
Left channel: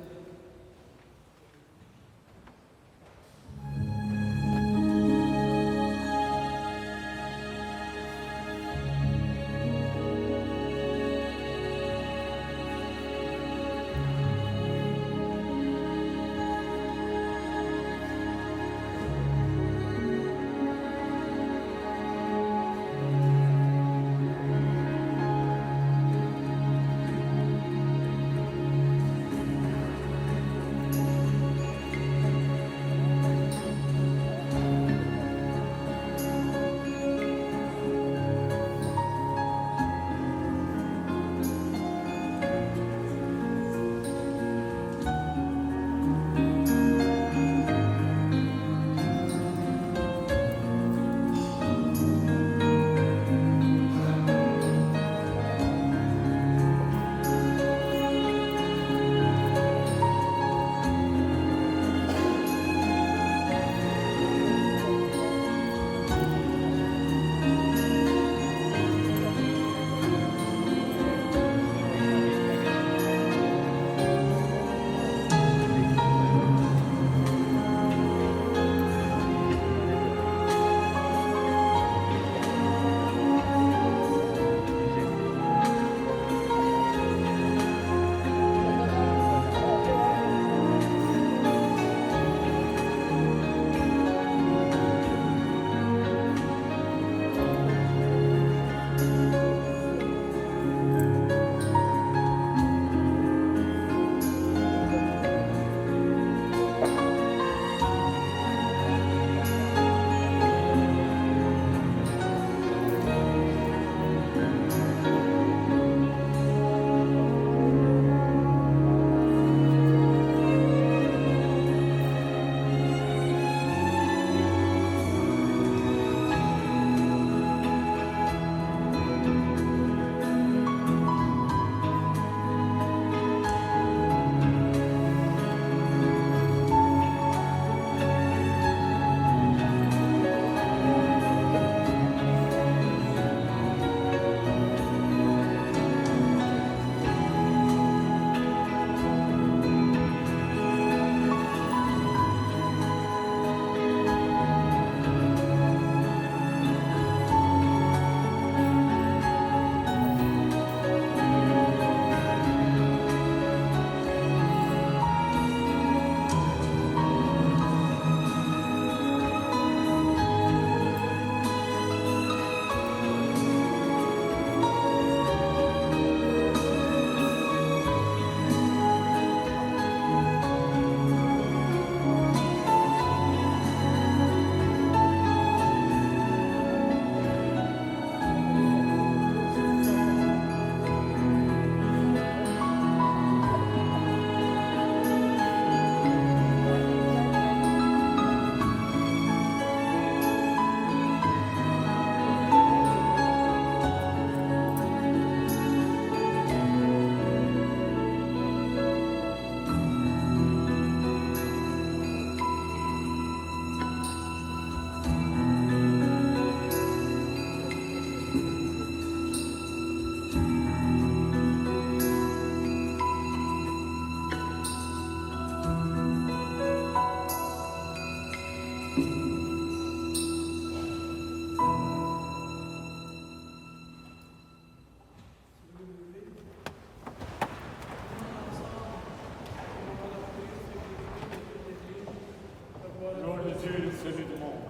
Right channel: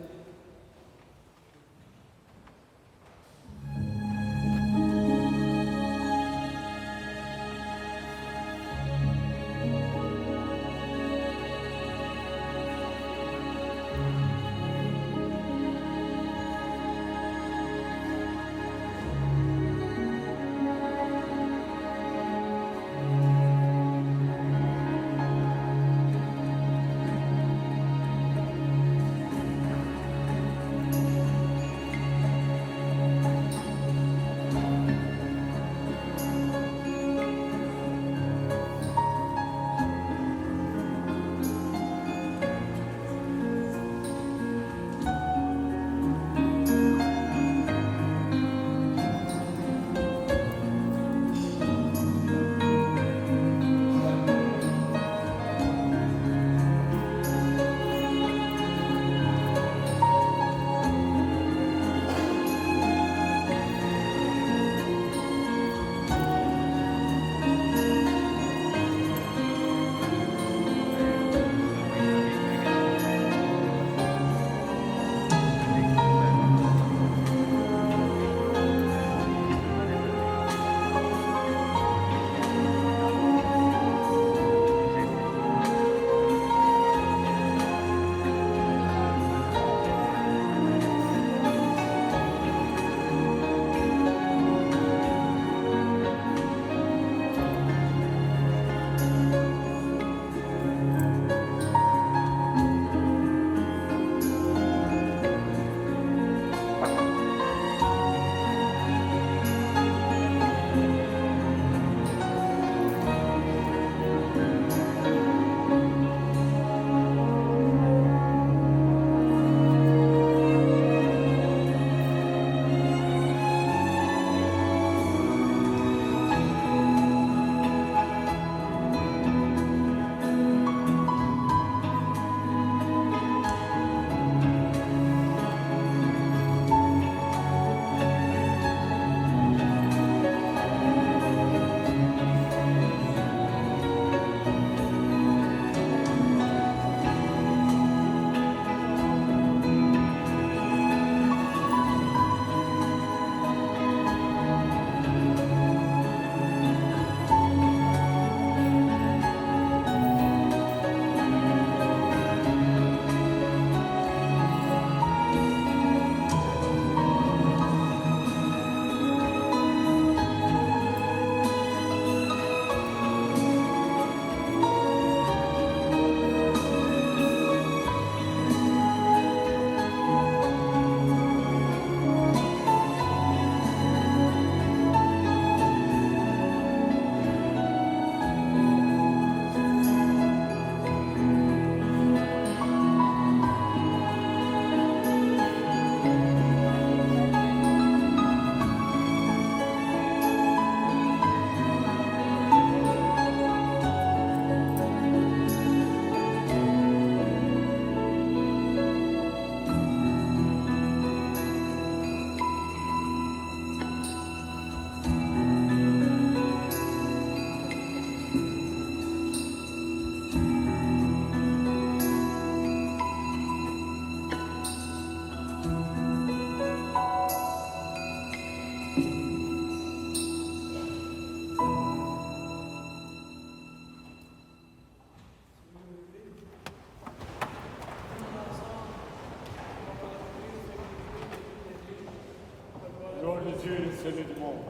salut du monde.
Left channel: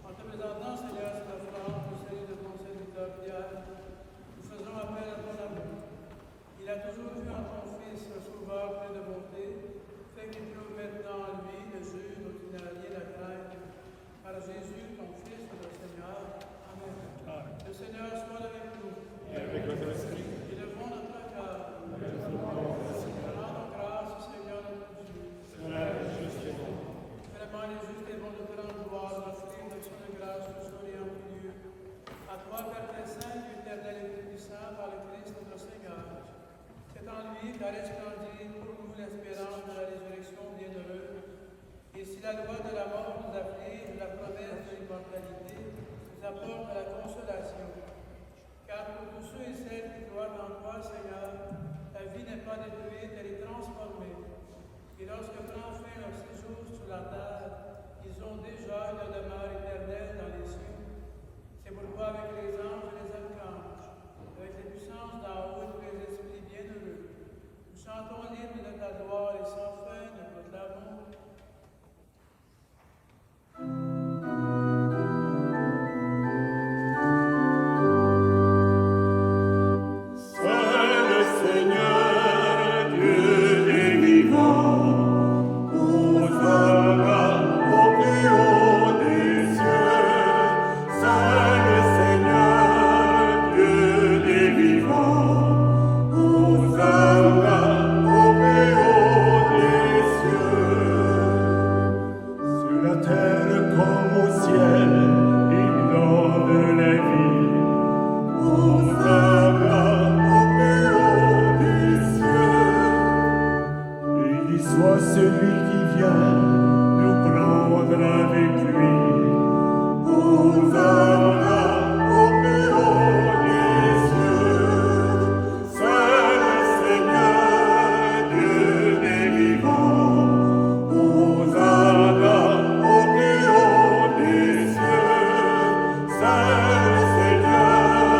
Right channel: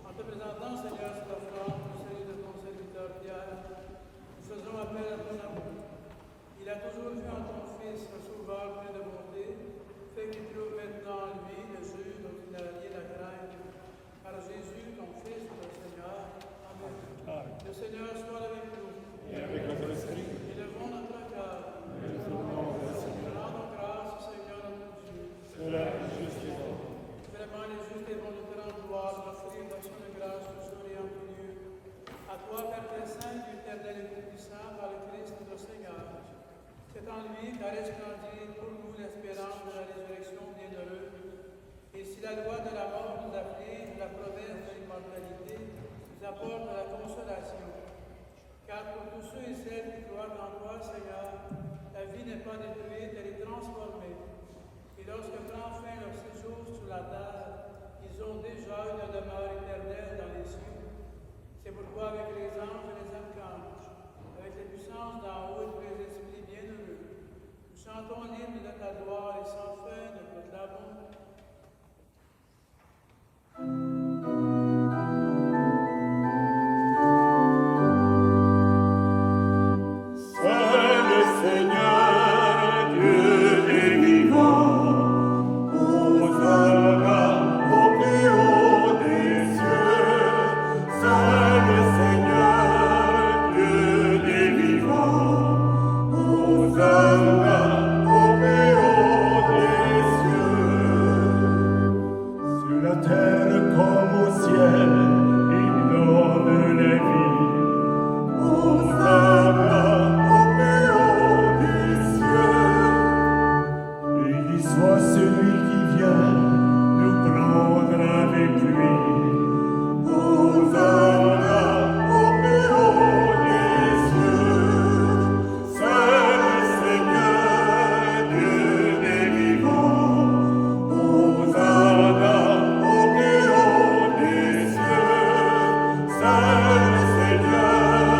En te présentant, Seigneur, cette offrande pour salut de ton serviteur Pierre, nous faisons appel à ton amour. Il a toujours vu en ton Fils un sauveur plein de bonté, fait qu'il trouve maintenant en lui le juge dont il n'a rien à craindre. Par Jésus, ton Fils, notre Seigneur. Amen. Le Seigneur soit avec nous. Et avec votre esprit. Élevons notre cœur. Rendons grâce au Seigneur notre Dieu. Cela est juste et bon. Vraiment, les justes et bons de te rendre gloire, d'offrir une action de grâce toujours et en tout lieu. À toi, Père très saint, Dieu éternel et tout-puissant, par le Christ notre Seigneur. C'est en lui qu'a resplendi pour nous l'espérance de la résurrection bienheureuse. Et si la loi de la mort nous afflige, la promesse de l'immortalité nous apporte la consolation. Car pour tous ceux et celles qui croient en toi, Seigneur, la vie n'est pas détruite, elle est transformée. Et lorsque prend fin leur séjour sur la terre, ils ont déjà une demeure éternelle dans les cieux. C'est pourquoi avec les anges et les archanges, avec les puissances d'en haut et tous les esprits bienheureux, nous chantons l'hymne de ta gloire et sans fin nous proclamons. C'est le Seigneur, Dieu des vivants, Hosanna au plus haut des cieux. C'est le Seigneur, Dieu des vivants, Hosanna au plus haut des cieux. Sur la terre comme au ciel, il donne la vie. Hosanna au plus haut des cieux. Béni soit celui qui vient nous prendre avec lui. Hosanna au plus haut des cieux. C'est le Seigneur, Dieu des vivants. Hosanna au plus haut des cieux. C'est le Seigneur,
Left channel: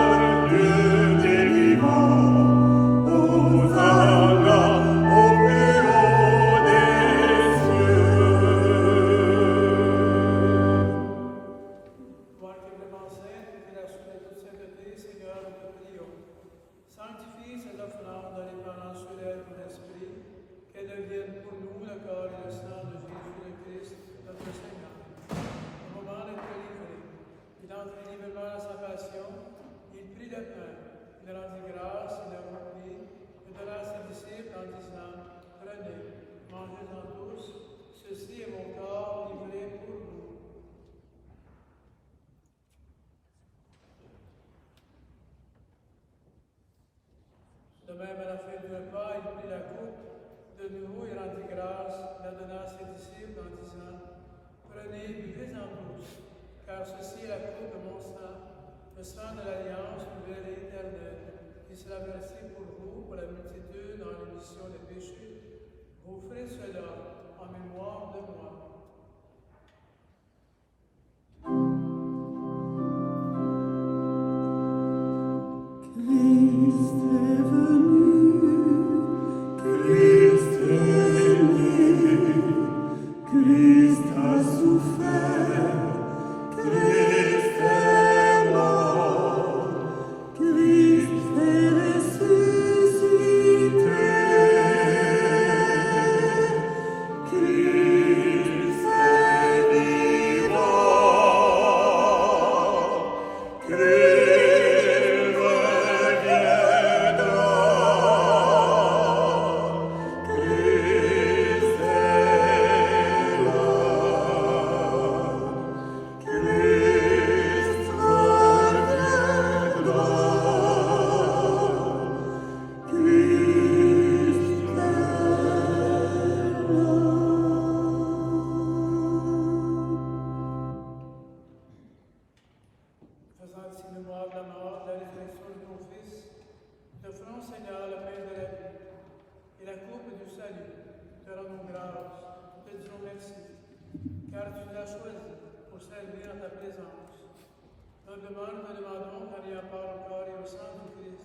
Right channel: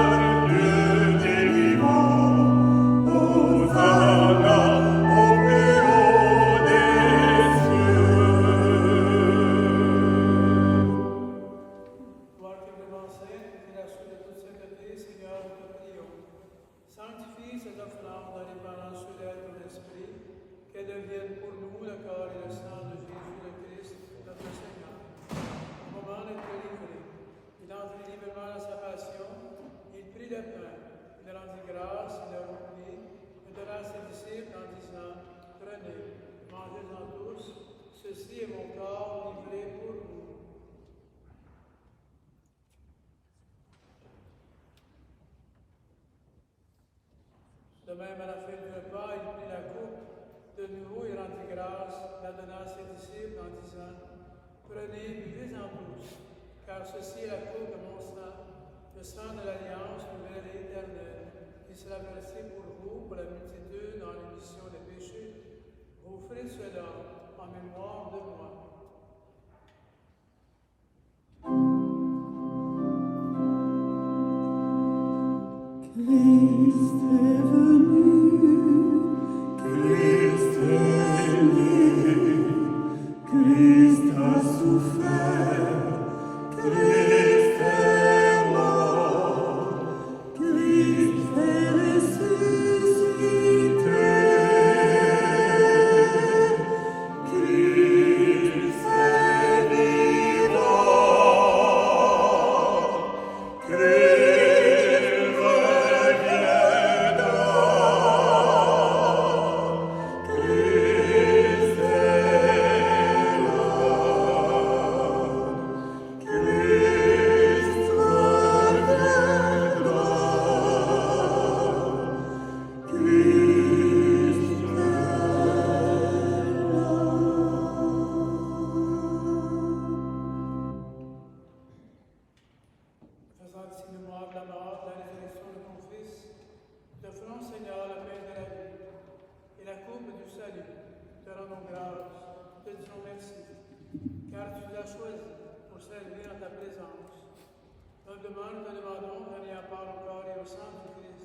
Dieu des vivants. Hosanna au plus haut des cieux. Gloire terriblement sainte, et la source de toute sainteté, Seigneur, nous te prions. Sanctifie ces offrandes dans les parents sur elle de l'Esprit, qu'elles deviennent pour nous le corps et le sang de Jésus le Christ, notre Seigneur. Au moment d'être livré, il entre librement dans sa passion, il prit le pain, il rendit grâce, il le rompit, le donna à ses disciples en disant, prenez, mangez-en tous, ceci est mon corps livré pour vous. De même, à la fin du repas, il prit la coupe. De nouveau, il rendit grâce, la donna à ses disciples en disant, prenez, buvez-en tous, car ceci est la coupe de mon sang, le sang de l'alliance nouvelle et éternelle, qui sera versé pour vous, pour la multitude, dans l'émission des péchés. Vous ferez cela en mémoire de moi. Christ est venu, Christ est né, Christ a souffert, Christ est mort, Christ est ressuscité, Christ est vivant, Christ Faisant ici mémoire de la mort, de la résurrection de ton Fils, t'offrons, Seigneur, le pain de la vie et la coupe du salut. Te rendons grâce, te disons merci, car tu nous as choisis pour servir en ta présence. Humblement, nous te demandons qu'en ayant part au corps et au sang du Christ,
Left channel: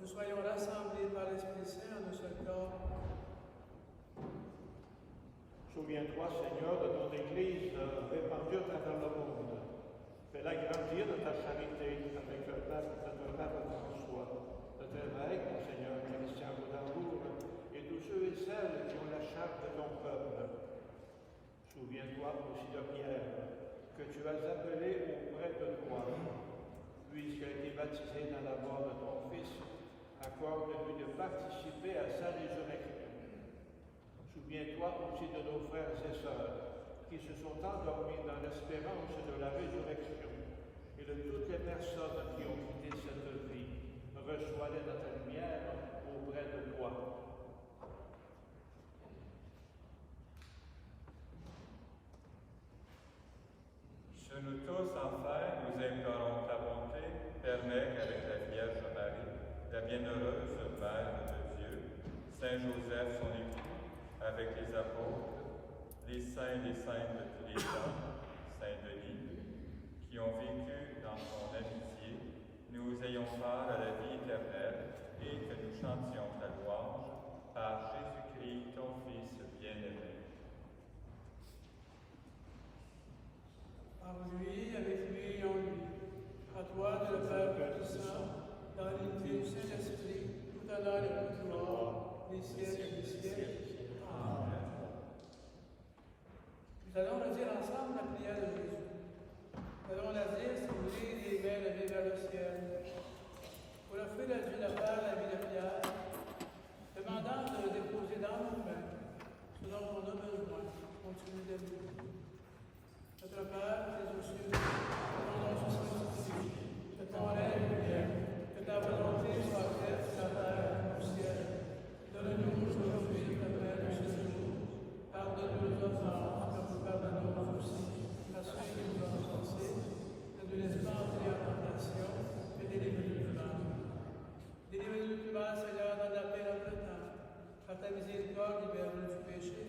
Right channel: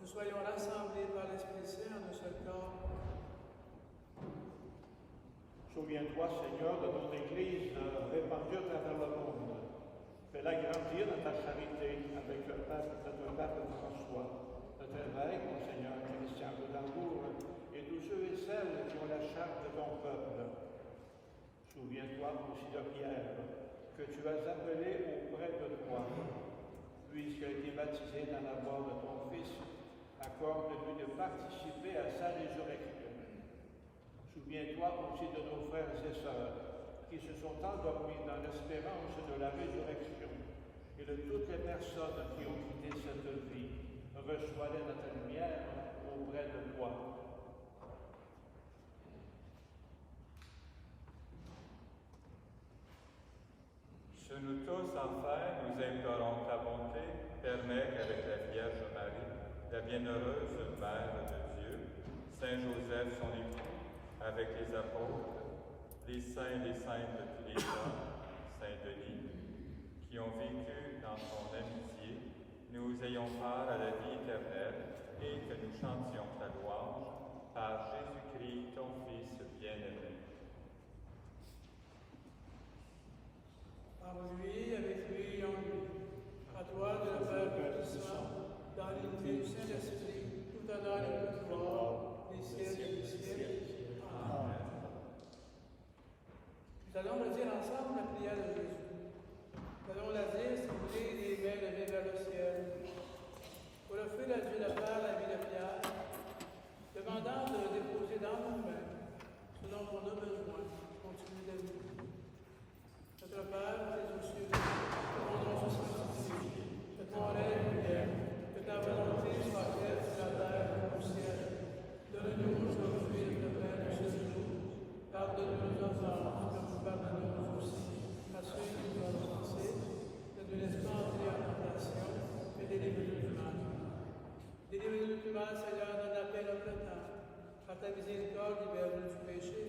nous soyons rassemblés par l'Esprit Saint en un seul corps. Souviens-toi, Seigneur, de ton Église répandue à travers le monde. Fais-la grandir dans ta charité avec le pape François, notre évêque, Monseigneur Christian Gaudarbourg, et tous ceux et celles qui ont la charge de ton peuple. Souviens-toi aussi de Pierre, que tu as appelé auprès de toi. Lui qui a été baptisé dans la mort de ton Fils, accorde-lui de participer à sa résurrection. Souviens-toi aussi de nos frères et sœurs qui se sont endormis dans l'espérance de la résurrection et de toutes les personnes qui ont quitté cette vie. Reçois-les dans ta lumière auprès de toi. Sur nous tous, enfin, nous implorons ta bonté, Père Mère avec la Vierge Marie, la bienheureuse Mère de Dieu, Saint Joseph, son époux, avec les apôtres, les saints et les saintes de tous les temps, Saint Denis, qui ont vécu dans son amitié, nous ayons part à la vie éternelle et que nous chantions ta louange par Jésus-Christ, ton Fils bien-aimé. Par lui, avec lui et en lui. À toi, de la Père Tout-Puissant, dans l'unité du Saint-Esprit, tout honneur et toute gloire, des siècles et des siècles. Amen. Nous allons le dire ensemble la prière de Jésus. Nous allons la dire si vous voulez, les mains levées vers le ciel. Pour offrir à Dieu la Père, la vie de Pierre, demandant de déposer dans nos mains ce dont on a besoin. Continue de vivre. Notre Père, qui es aux cieux, que ton nom soit sanctifié, que ton règne vienne, que ta volonté soit faite sur la terre comme au ciel. Donne-nous aujourd'hui notre pain de ce jour. Pardonne-nous nos offenses, comme nous pardonnons aussi à ceux qui nous ont offensés. Ne nous laisse pas entrer en tentation, mais délivre-nous du mal. Délivre-nous du mal, Seigneur, donne la paix à notre temps. Par ta miséricorde, libère-nous du péché.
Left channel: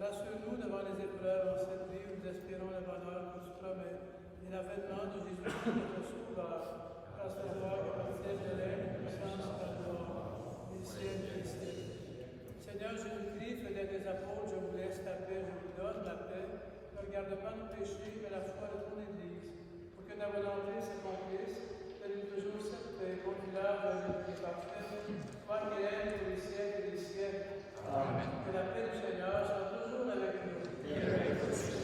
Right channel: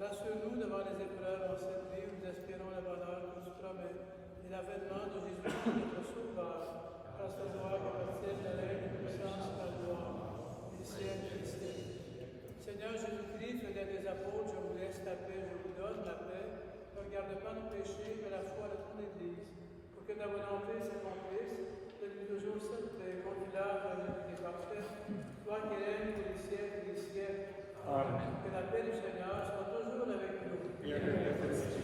Rassure-nous devant les épreuves en cette vie où nous espérons le bonheur que tu promets et l'avènement de Jésus-Christ, notre Sauveur, grâce à toi qui appartiennent de règne, de puissance et de gloire, des siècles et des siècles. Seigneur Jésus-Christ, fidèle des apôtres, je vous laisse la paix, je vous donne la paix. Ne regarde pas nos péchés, mais la foi de ton Église, pour que ta volonté s'accomplisse. Donne-nous toujours cette paix, confiable à nous qui est parfaite, toi qui règnes pour les siècles et des siècles. Amen. Que la paix du Seigneur soit toujours avec nous. Et avec vous aussi.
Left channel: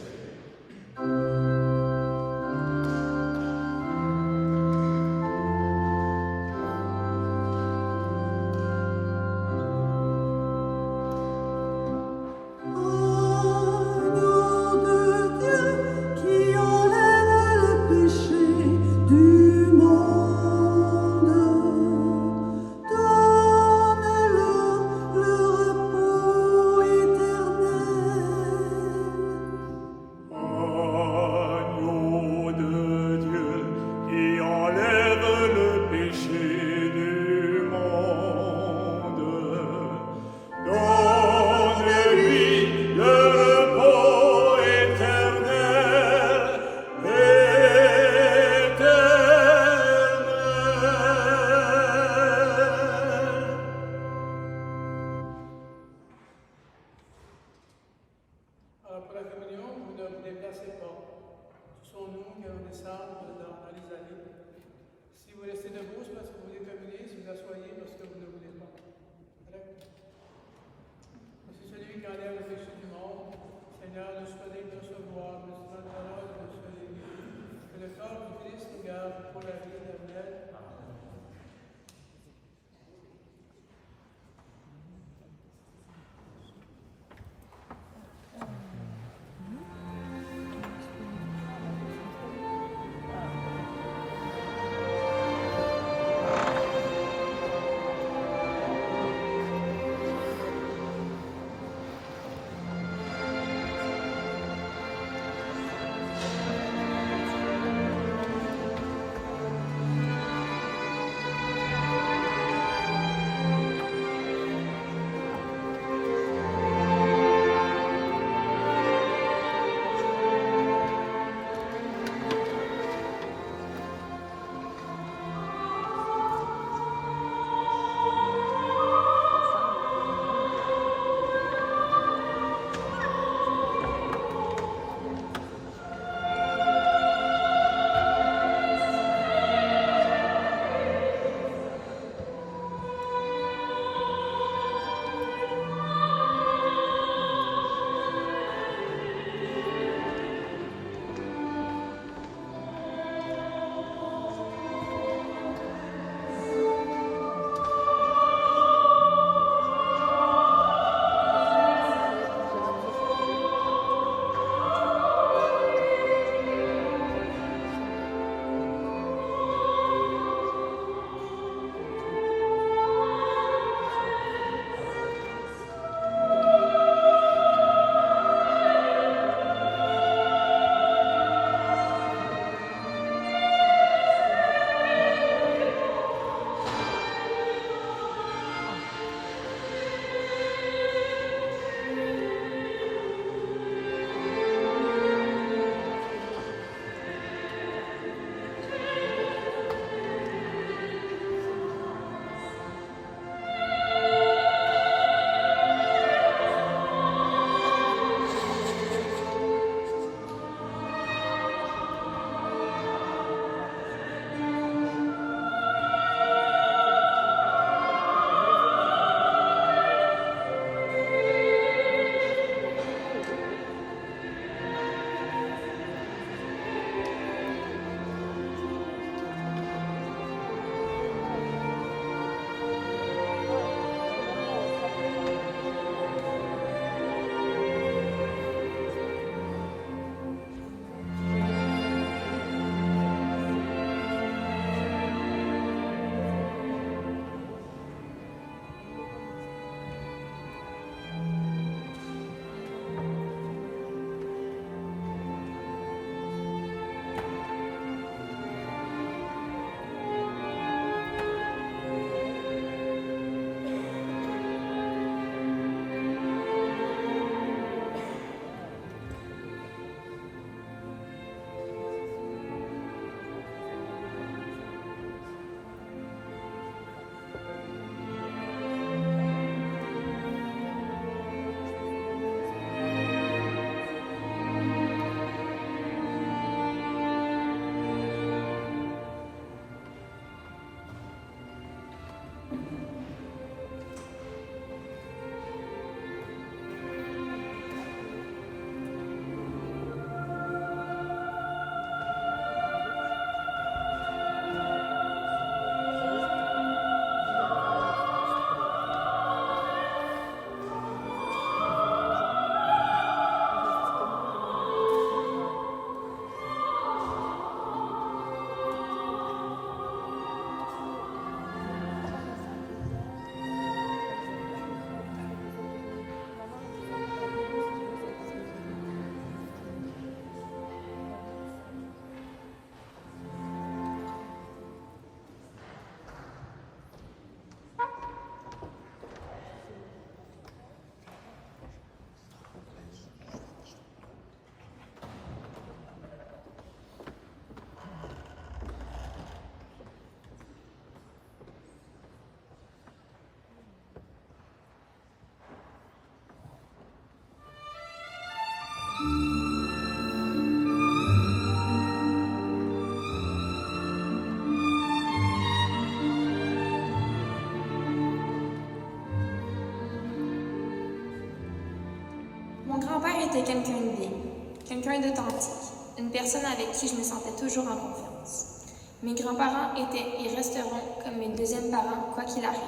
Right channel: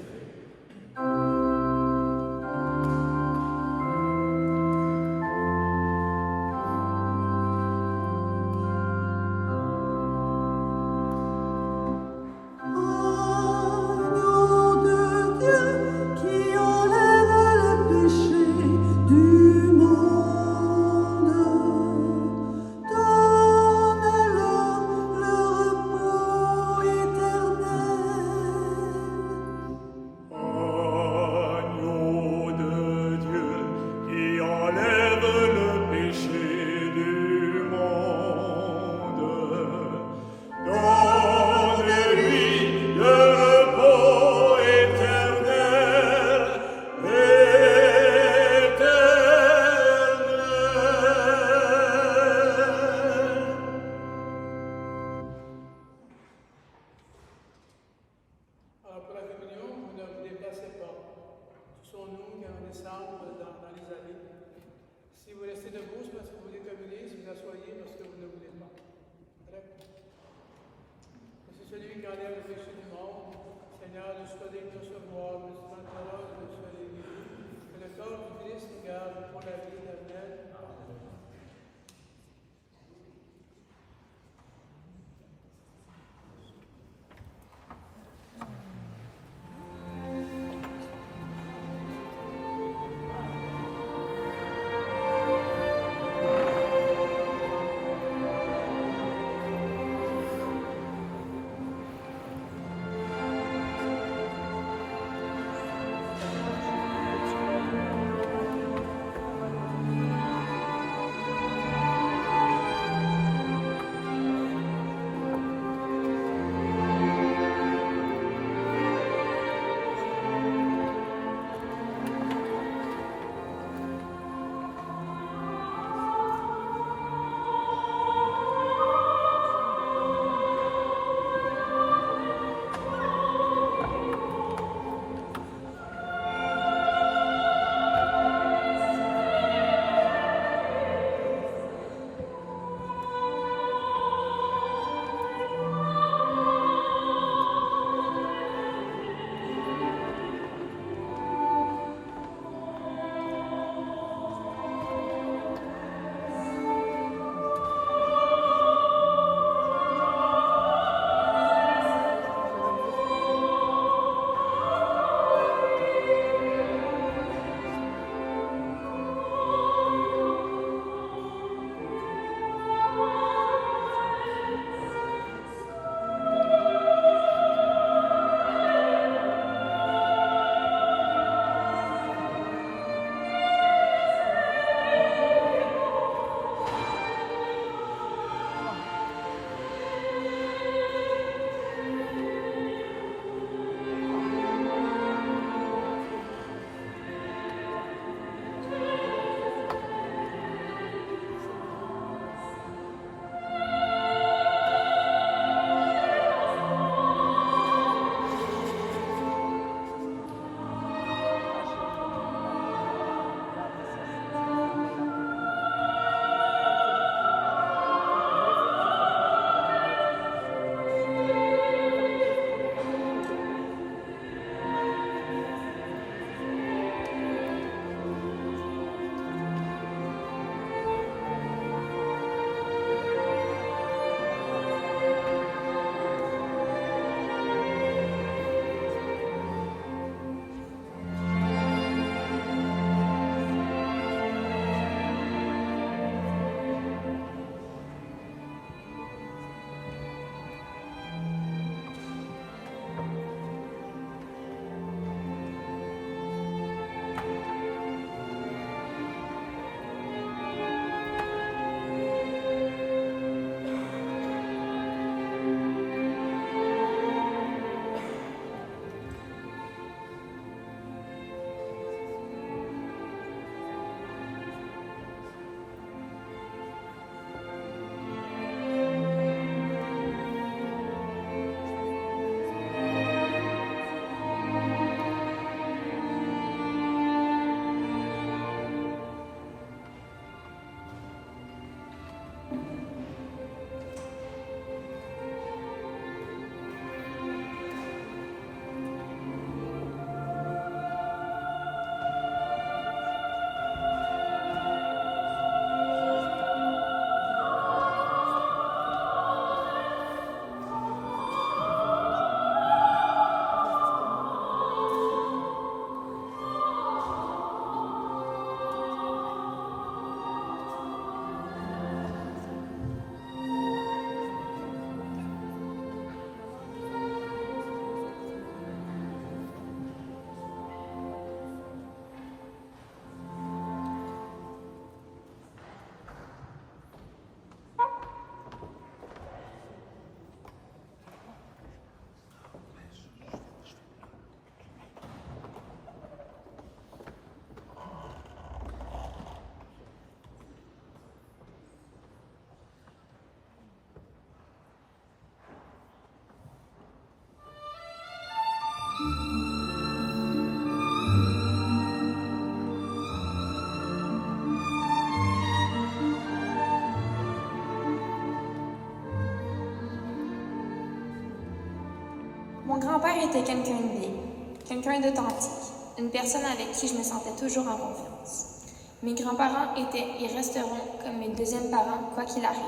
Mon grand-père était quelqu'un de bien, quelqu'un d'authentique, une personne avec qui je me sentais toujours en confiance. Mes grands-parents étaient et resteront comme mes deuxièmes parents, quoi qu'il arrive.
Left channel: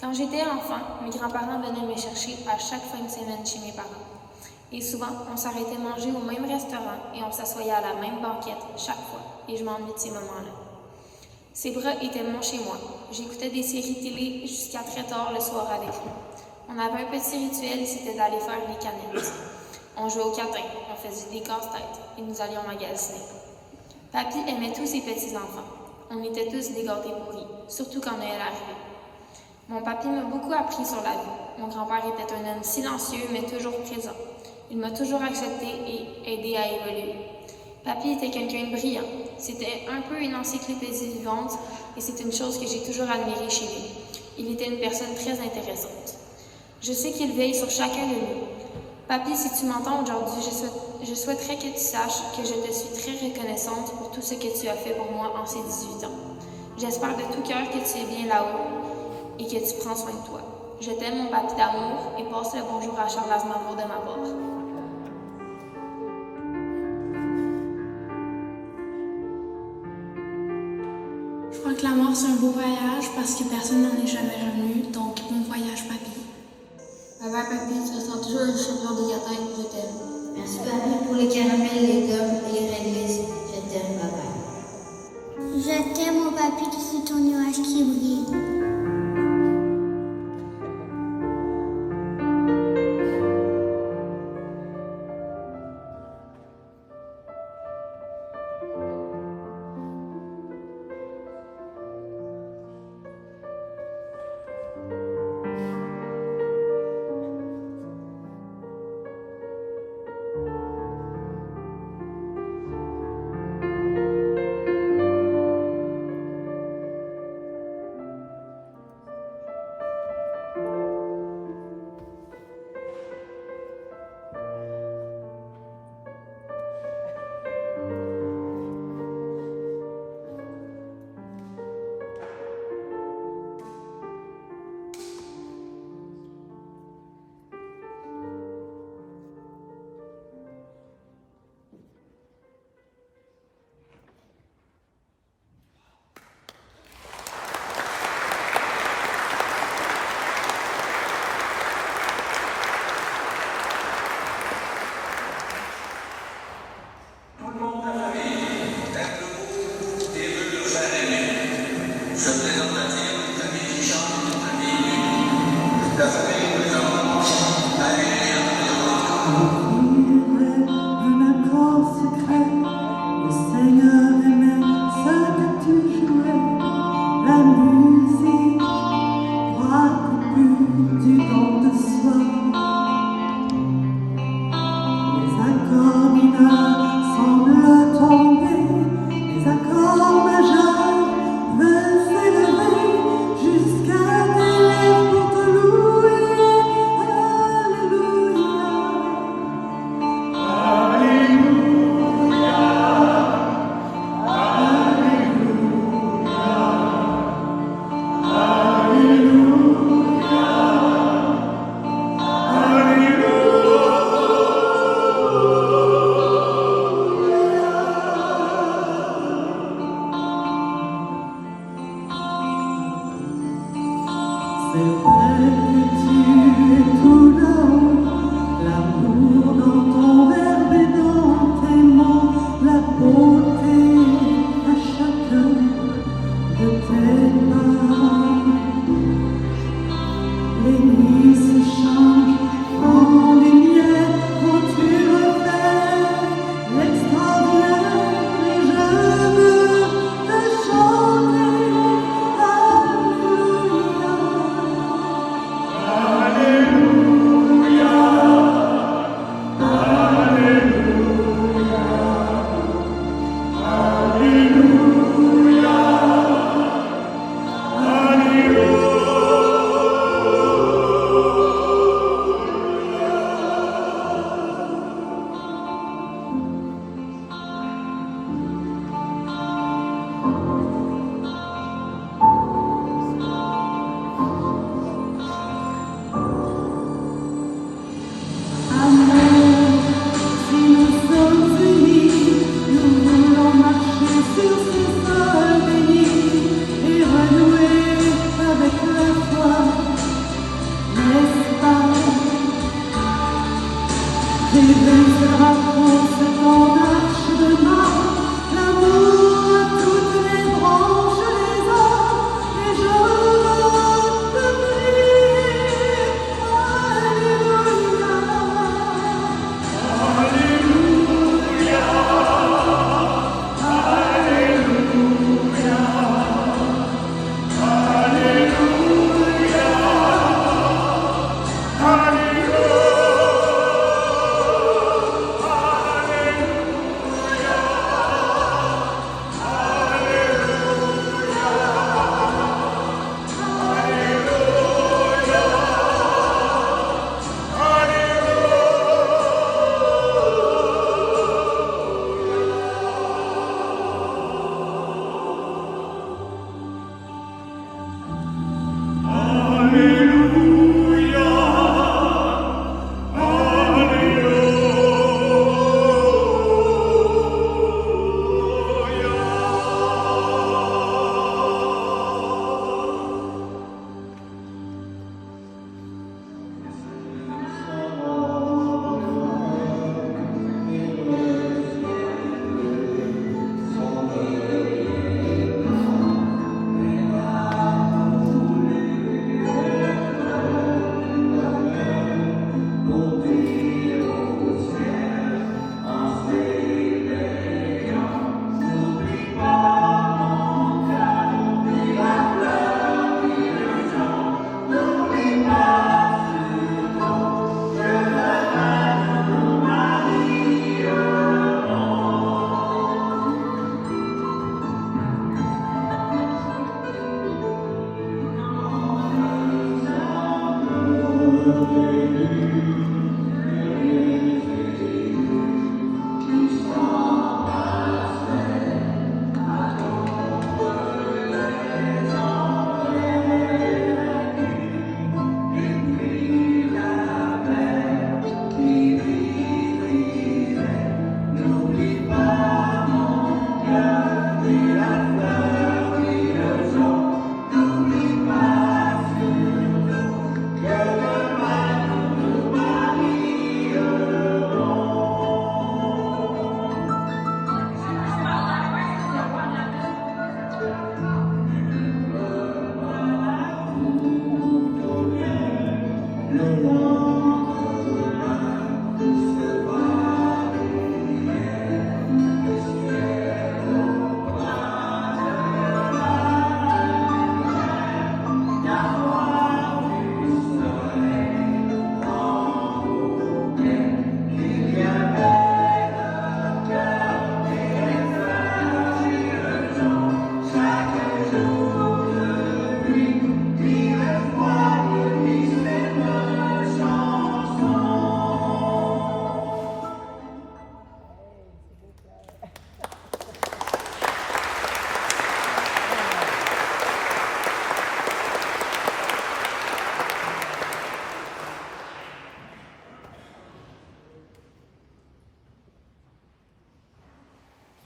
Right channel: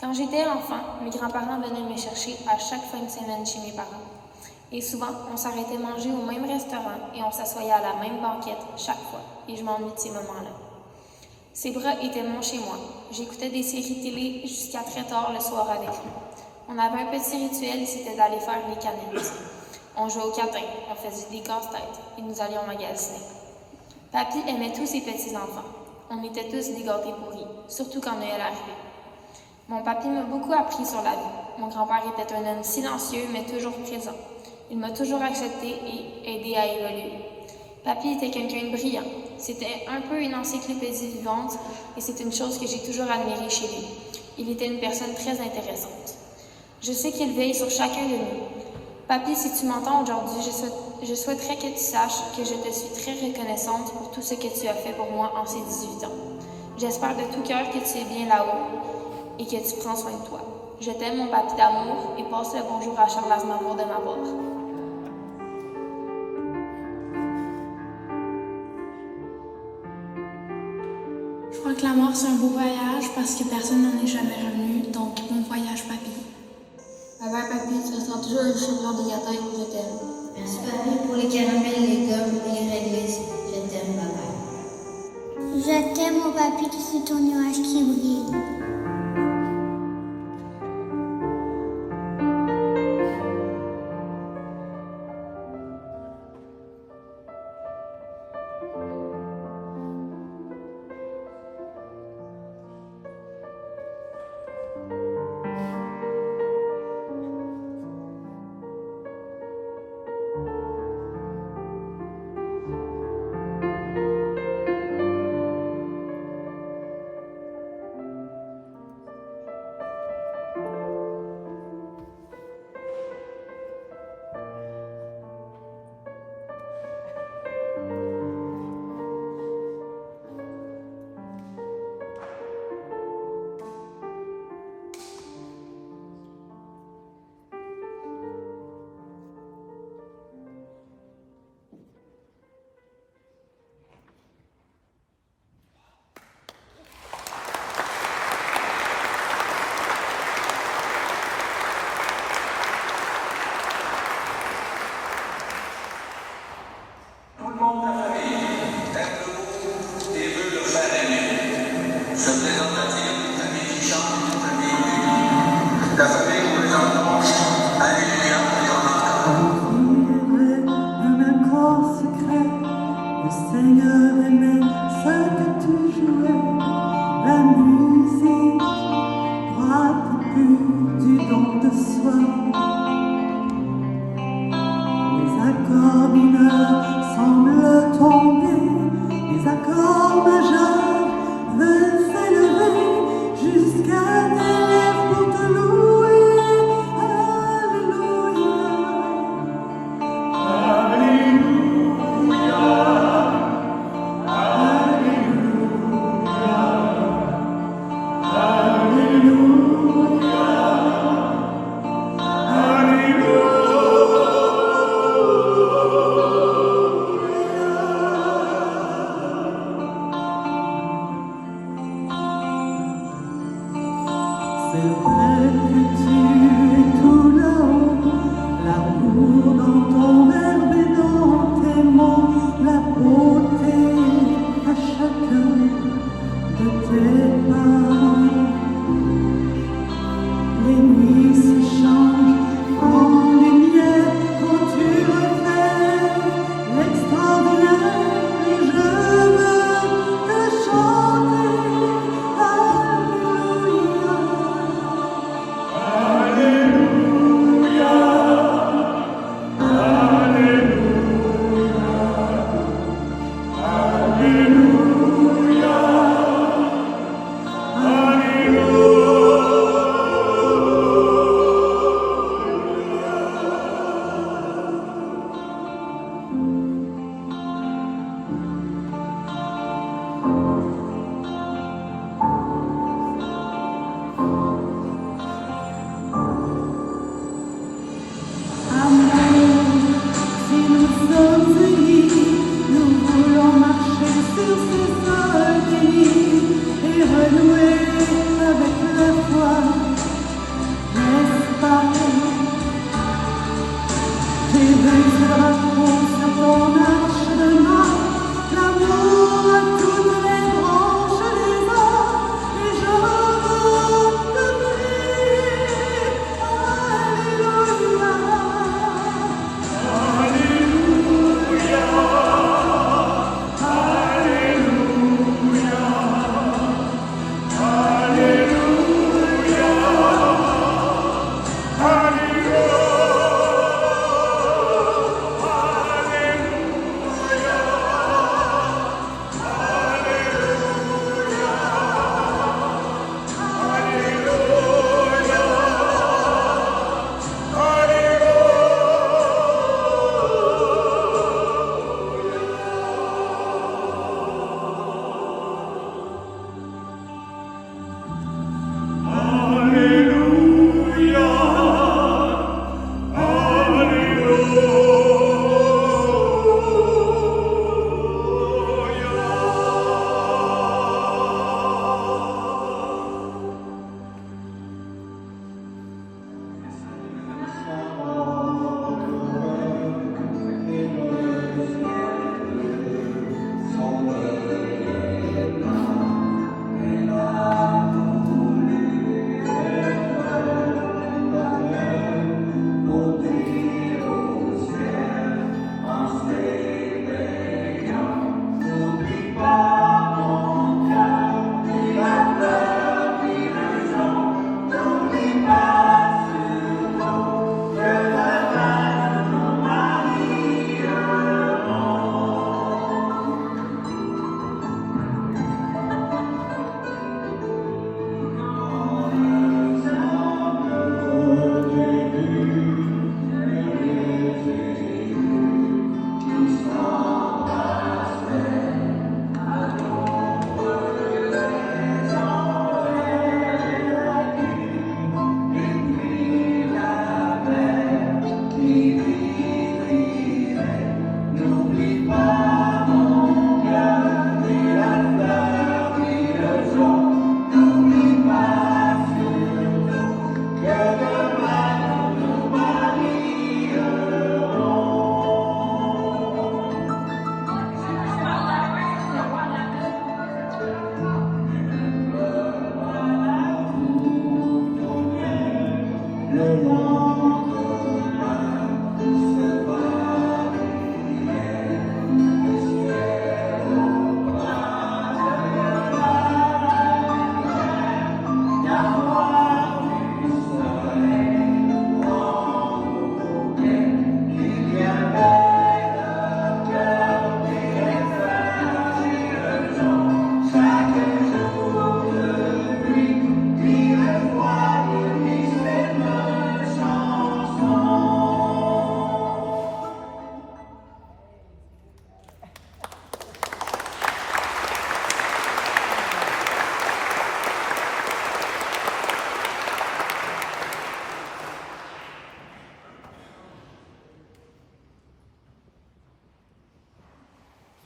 Quand j'étais enfant, mes grands-parents venaient me chercher à chaque fin de semaine chez mes parents. Et souvent, on s'arrêtait manger au même restaurant et on s'assoyait à la même banquette chaque fois. Et je m'ennuie de ces moments-là. Ses bras étaient mon chez-moi. J'écoutais des séries télé jusqu'à très tard le soir avec lui. On avait un petit rituel, c'était d'aller faire les canettes. On jouait au catin, on faisait des casse-têtes et nous allions magasiner. Papy aimait tous ses petits-enfants. On était tous des gâtés pourris, surtout quand Noël arrivait. Mon papy m'a beaucoup appris sur la vie. Mon grand-père était un homme silencieux, mais toujours présent. Il m'a toujours accepté et aidé à évoluer. Papy était quelqu'un de brillant. C'était un peu une encyclopédie vivante et c'est une chose que j'ai toujours admirée chez lui. Il était une personne très intéressante. Je sais qu'il veille sur chacun de nous. Papy, si tu m'entends aujourd'hui, je souhaiterais que tu saches que je te suis très reconnaissante pour tout ce que tu as fait pour moi en ces 18 ans. J'espère de tout cœur que tu es bien là-haut et que tu prends soin de toi. Je t'aime, mon papy d'amour, et passe le bonjour à Charles Aznavour de ma part. Je crois que la mort, c'est un beau voyage parce que personne n'en est jamais revenu. Donc, bon voyage, papy. Bye bye, papy. Tu resteras toujours le chauffeur de gâteau. Je t'aime. Merci, papy, pour les caramels, les gommes et les réglisses. Je t'aime, bye bye. Je t'aime, mon papy, tu suis ton nuage qui brille.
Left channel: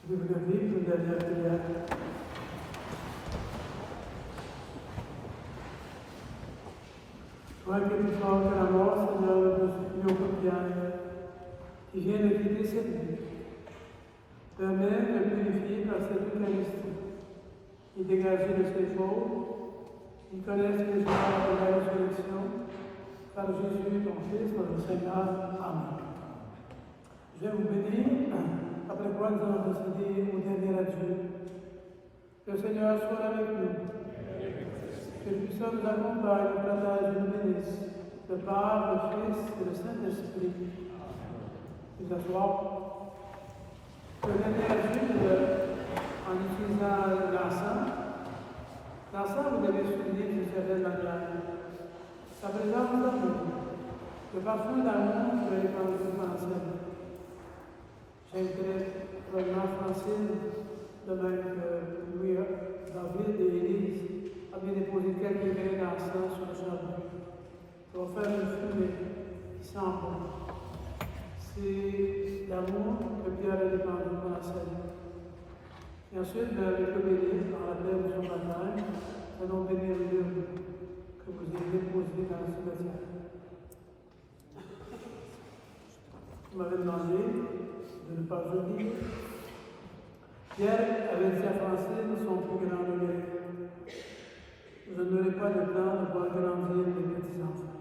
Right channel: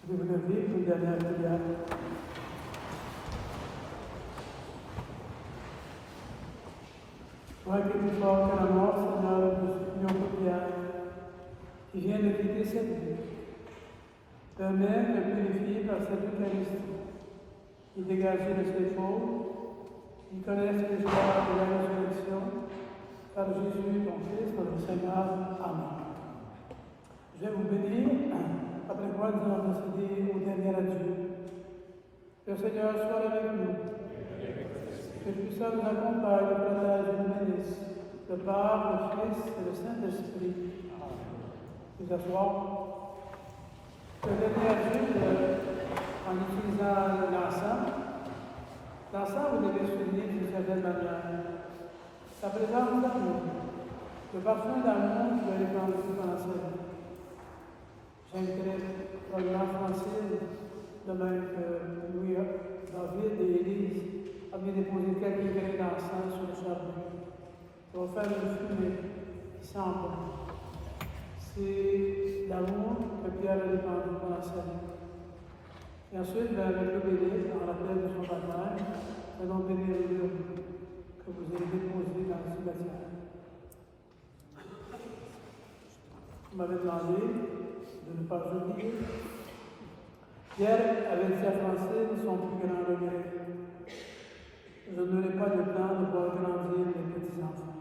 Je vais vous lever pour une dernière prière. Toi que tu sois que la mort, Seigneur, nous supplions pour Pierre, qui vient de quitter cette vie. Permets de purifier par cette Eucharistie, et dégager de ses pauvres, qui connaissent les joies de la résurrection, par Jésus, ton Fils, notre Seigneur. Amen. Je vais vous bénir, après quoi nous allons procéder au dernier adieu. Que le Seigneur soit avec nous. Que le puissant nous accompagne, le protège et nous bénisse, le Père, le Fils et le Saint-Esprit. Nous asseoir. Que le dernier adieu, en utilisant l'encens, vous devez souligner d'une certaine manière. Ça présente l'amour, le parfum d'amour que les répandu pendant sa vie. J'inviterai probablement Francine, de même que Louis, David et Élise, à bien déposer quelques grains d'encens sur le charbon. Ça va faire une fumée qui sent bon. C'est l'amour que Pierre a répandu pendant sa vie. Et ensuite, avec le bénir, en rappel de son baptême, nous allons bénir l'urne que vous avez déposée dans le cimetière. On m'avait demandé de ne pas oublier. Pierre avait dit à Francine son plus grand regret. Je n'aurai pas le temps de voir grandir les petits-enfants.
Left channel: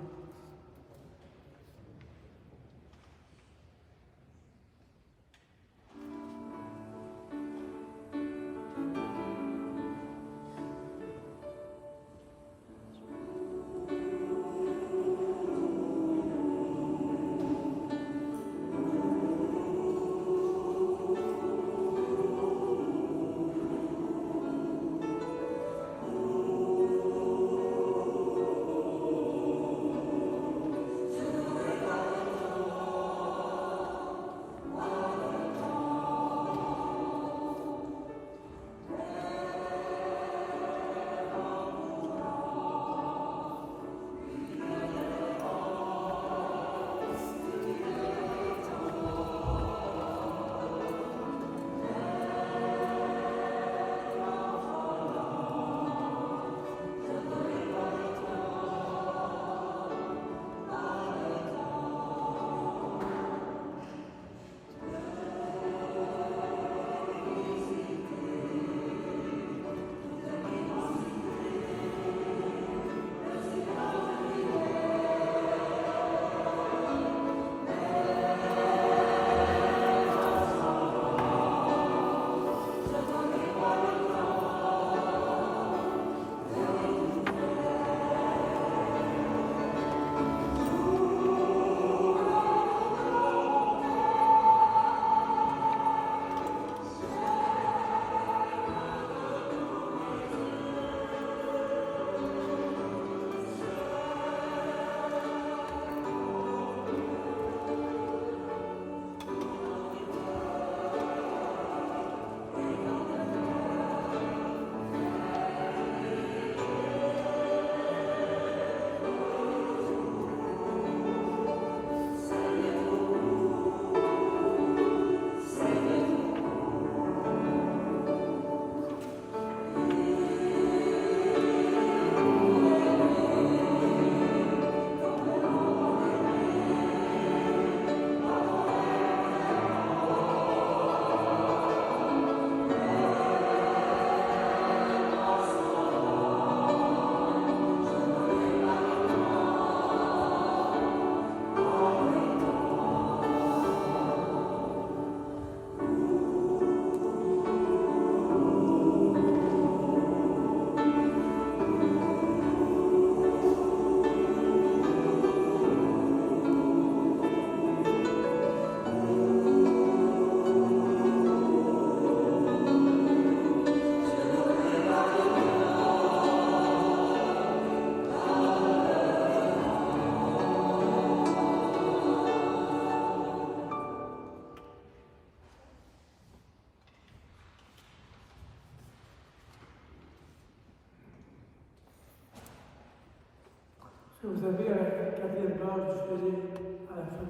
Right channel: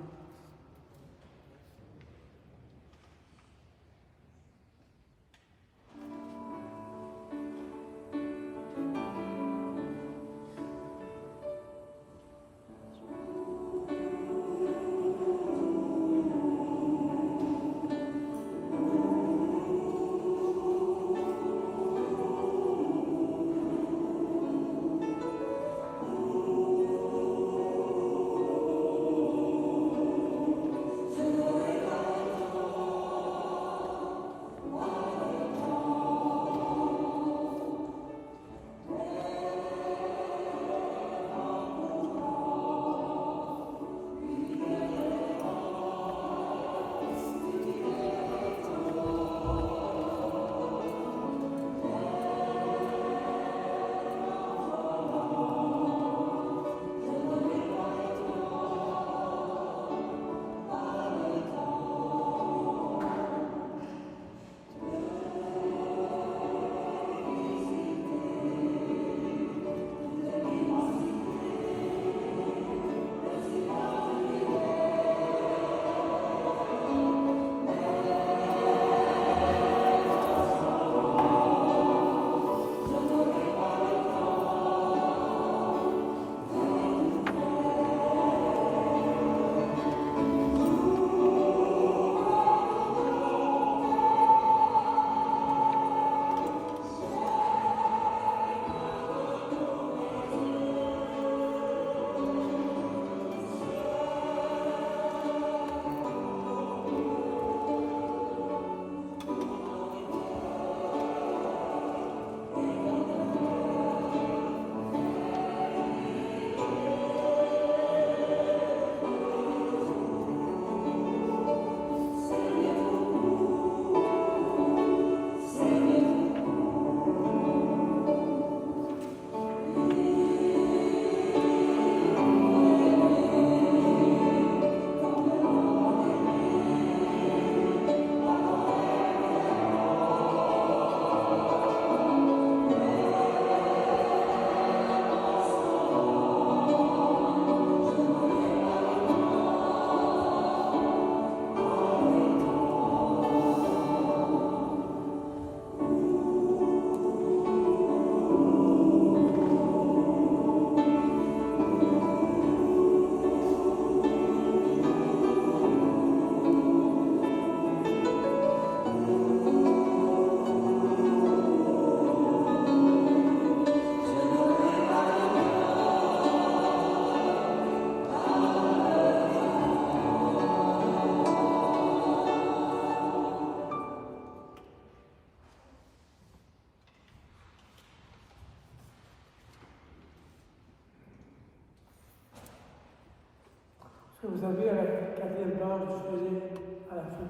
que vous avez à la quatrième page du feuillet à la fin.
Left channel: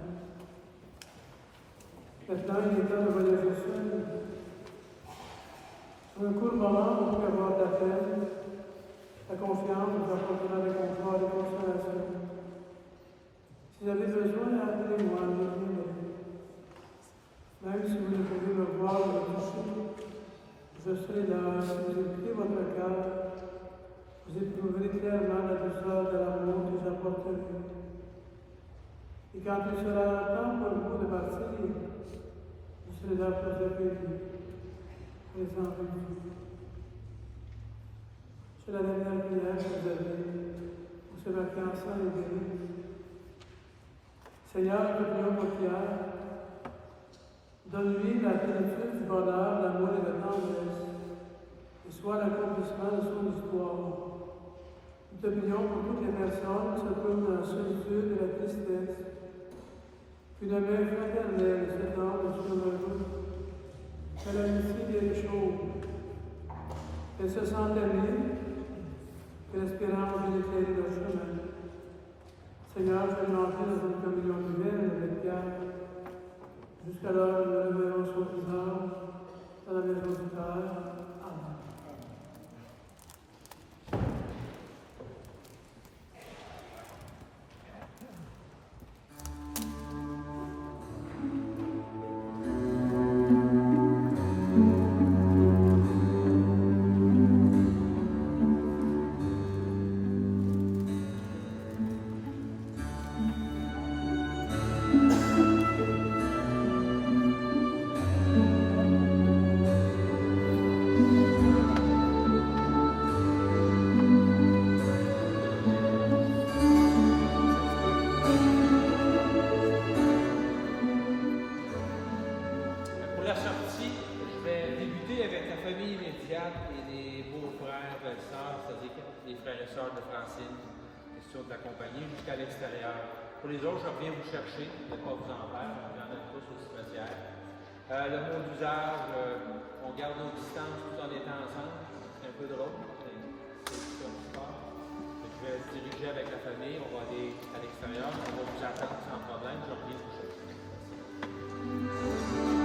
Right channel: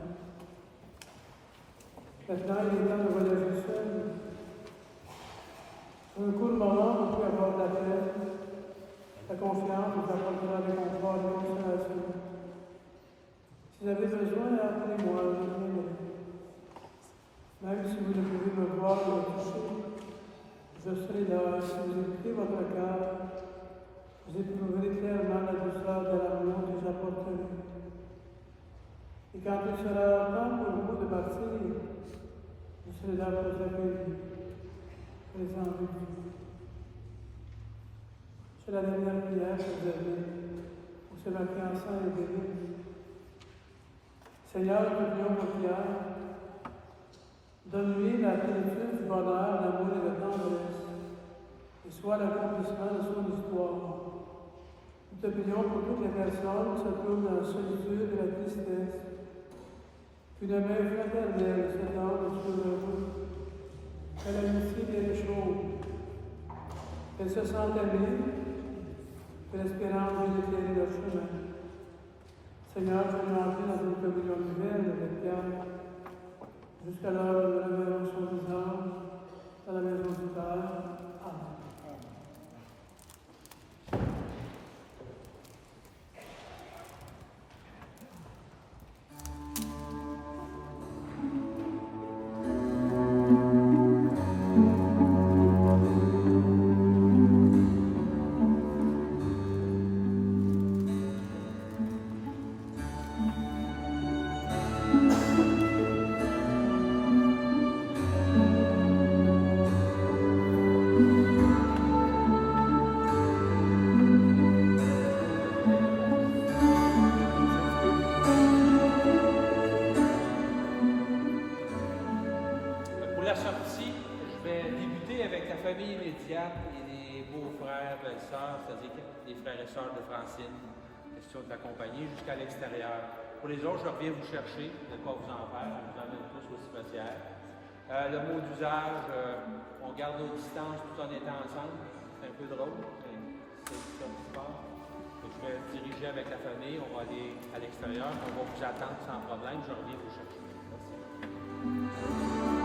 Maintenant, il est temps de voyager seul. Sur un court moment, vous pouvez avoir de la peine. La confiance vous apportera réconfort et consolation. Si vous avez besoin, appelez-moi, je viendrai. Même si vous ne pouvez me voir ou me toucher, je serai là. Si vous écoutez votre cœur, vous éprouverez clairement la douceur de l'amour que j'apporterai. Et quand il sera temps pour vous de partir, je serai là pour vous accueillir, présent avec vous. C'est la dernière prière que vous avez pour se marquer ensemble et bénir. Seigneur, nous prions pour Pierre. Donne-lui la plénitude du bonheur, l'amour et la tendresse, et soit l'accomplissement de son histoire. Nous te prions pour toutes les personnes qui se trouvent dans la solitude et la tristesse. Qu'une main fraternelle s'étende sur leur vie, que l'amitié les réchauffe, qu'elles se sentent aimées, que l'espérance vienne éclairer leur chemin. Seigneur, fais-nous entrer dans une communion nouvelle avec Pierre, jusqu'à l'heure où nous le verrons soi-disant dans la maison du Père. Amen. famille immédiate et les beaux-frères, belles-sœurs, c'est-à-dire les frères et sœurs de Francine, question de l'accompagner jusqu'à l'extérieur. Pour les autres, je reviens vous chercher, ne pas vous en faire, on vous emmène tous au cimetière. Le mot d'usage, on garde nos distances tout en étant ensemble. C'est un peu drôle, mais c'est ça qui se passe. Donc, je vais se diriger avec la famille, on va aller à l'extérieur, on va vous attendre sans problème, je reviens vous chercher. Merci.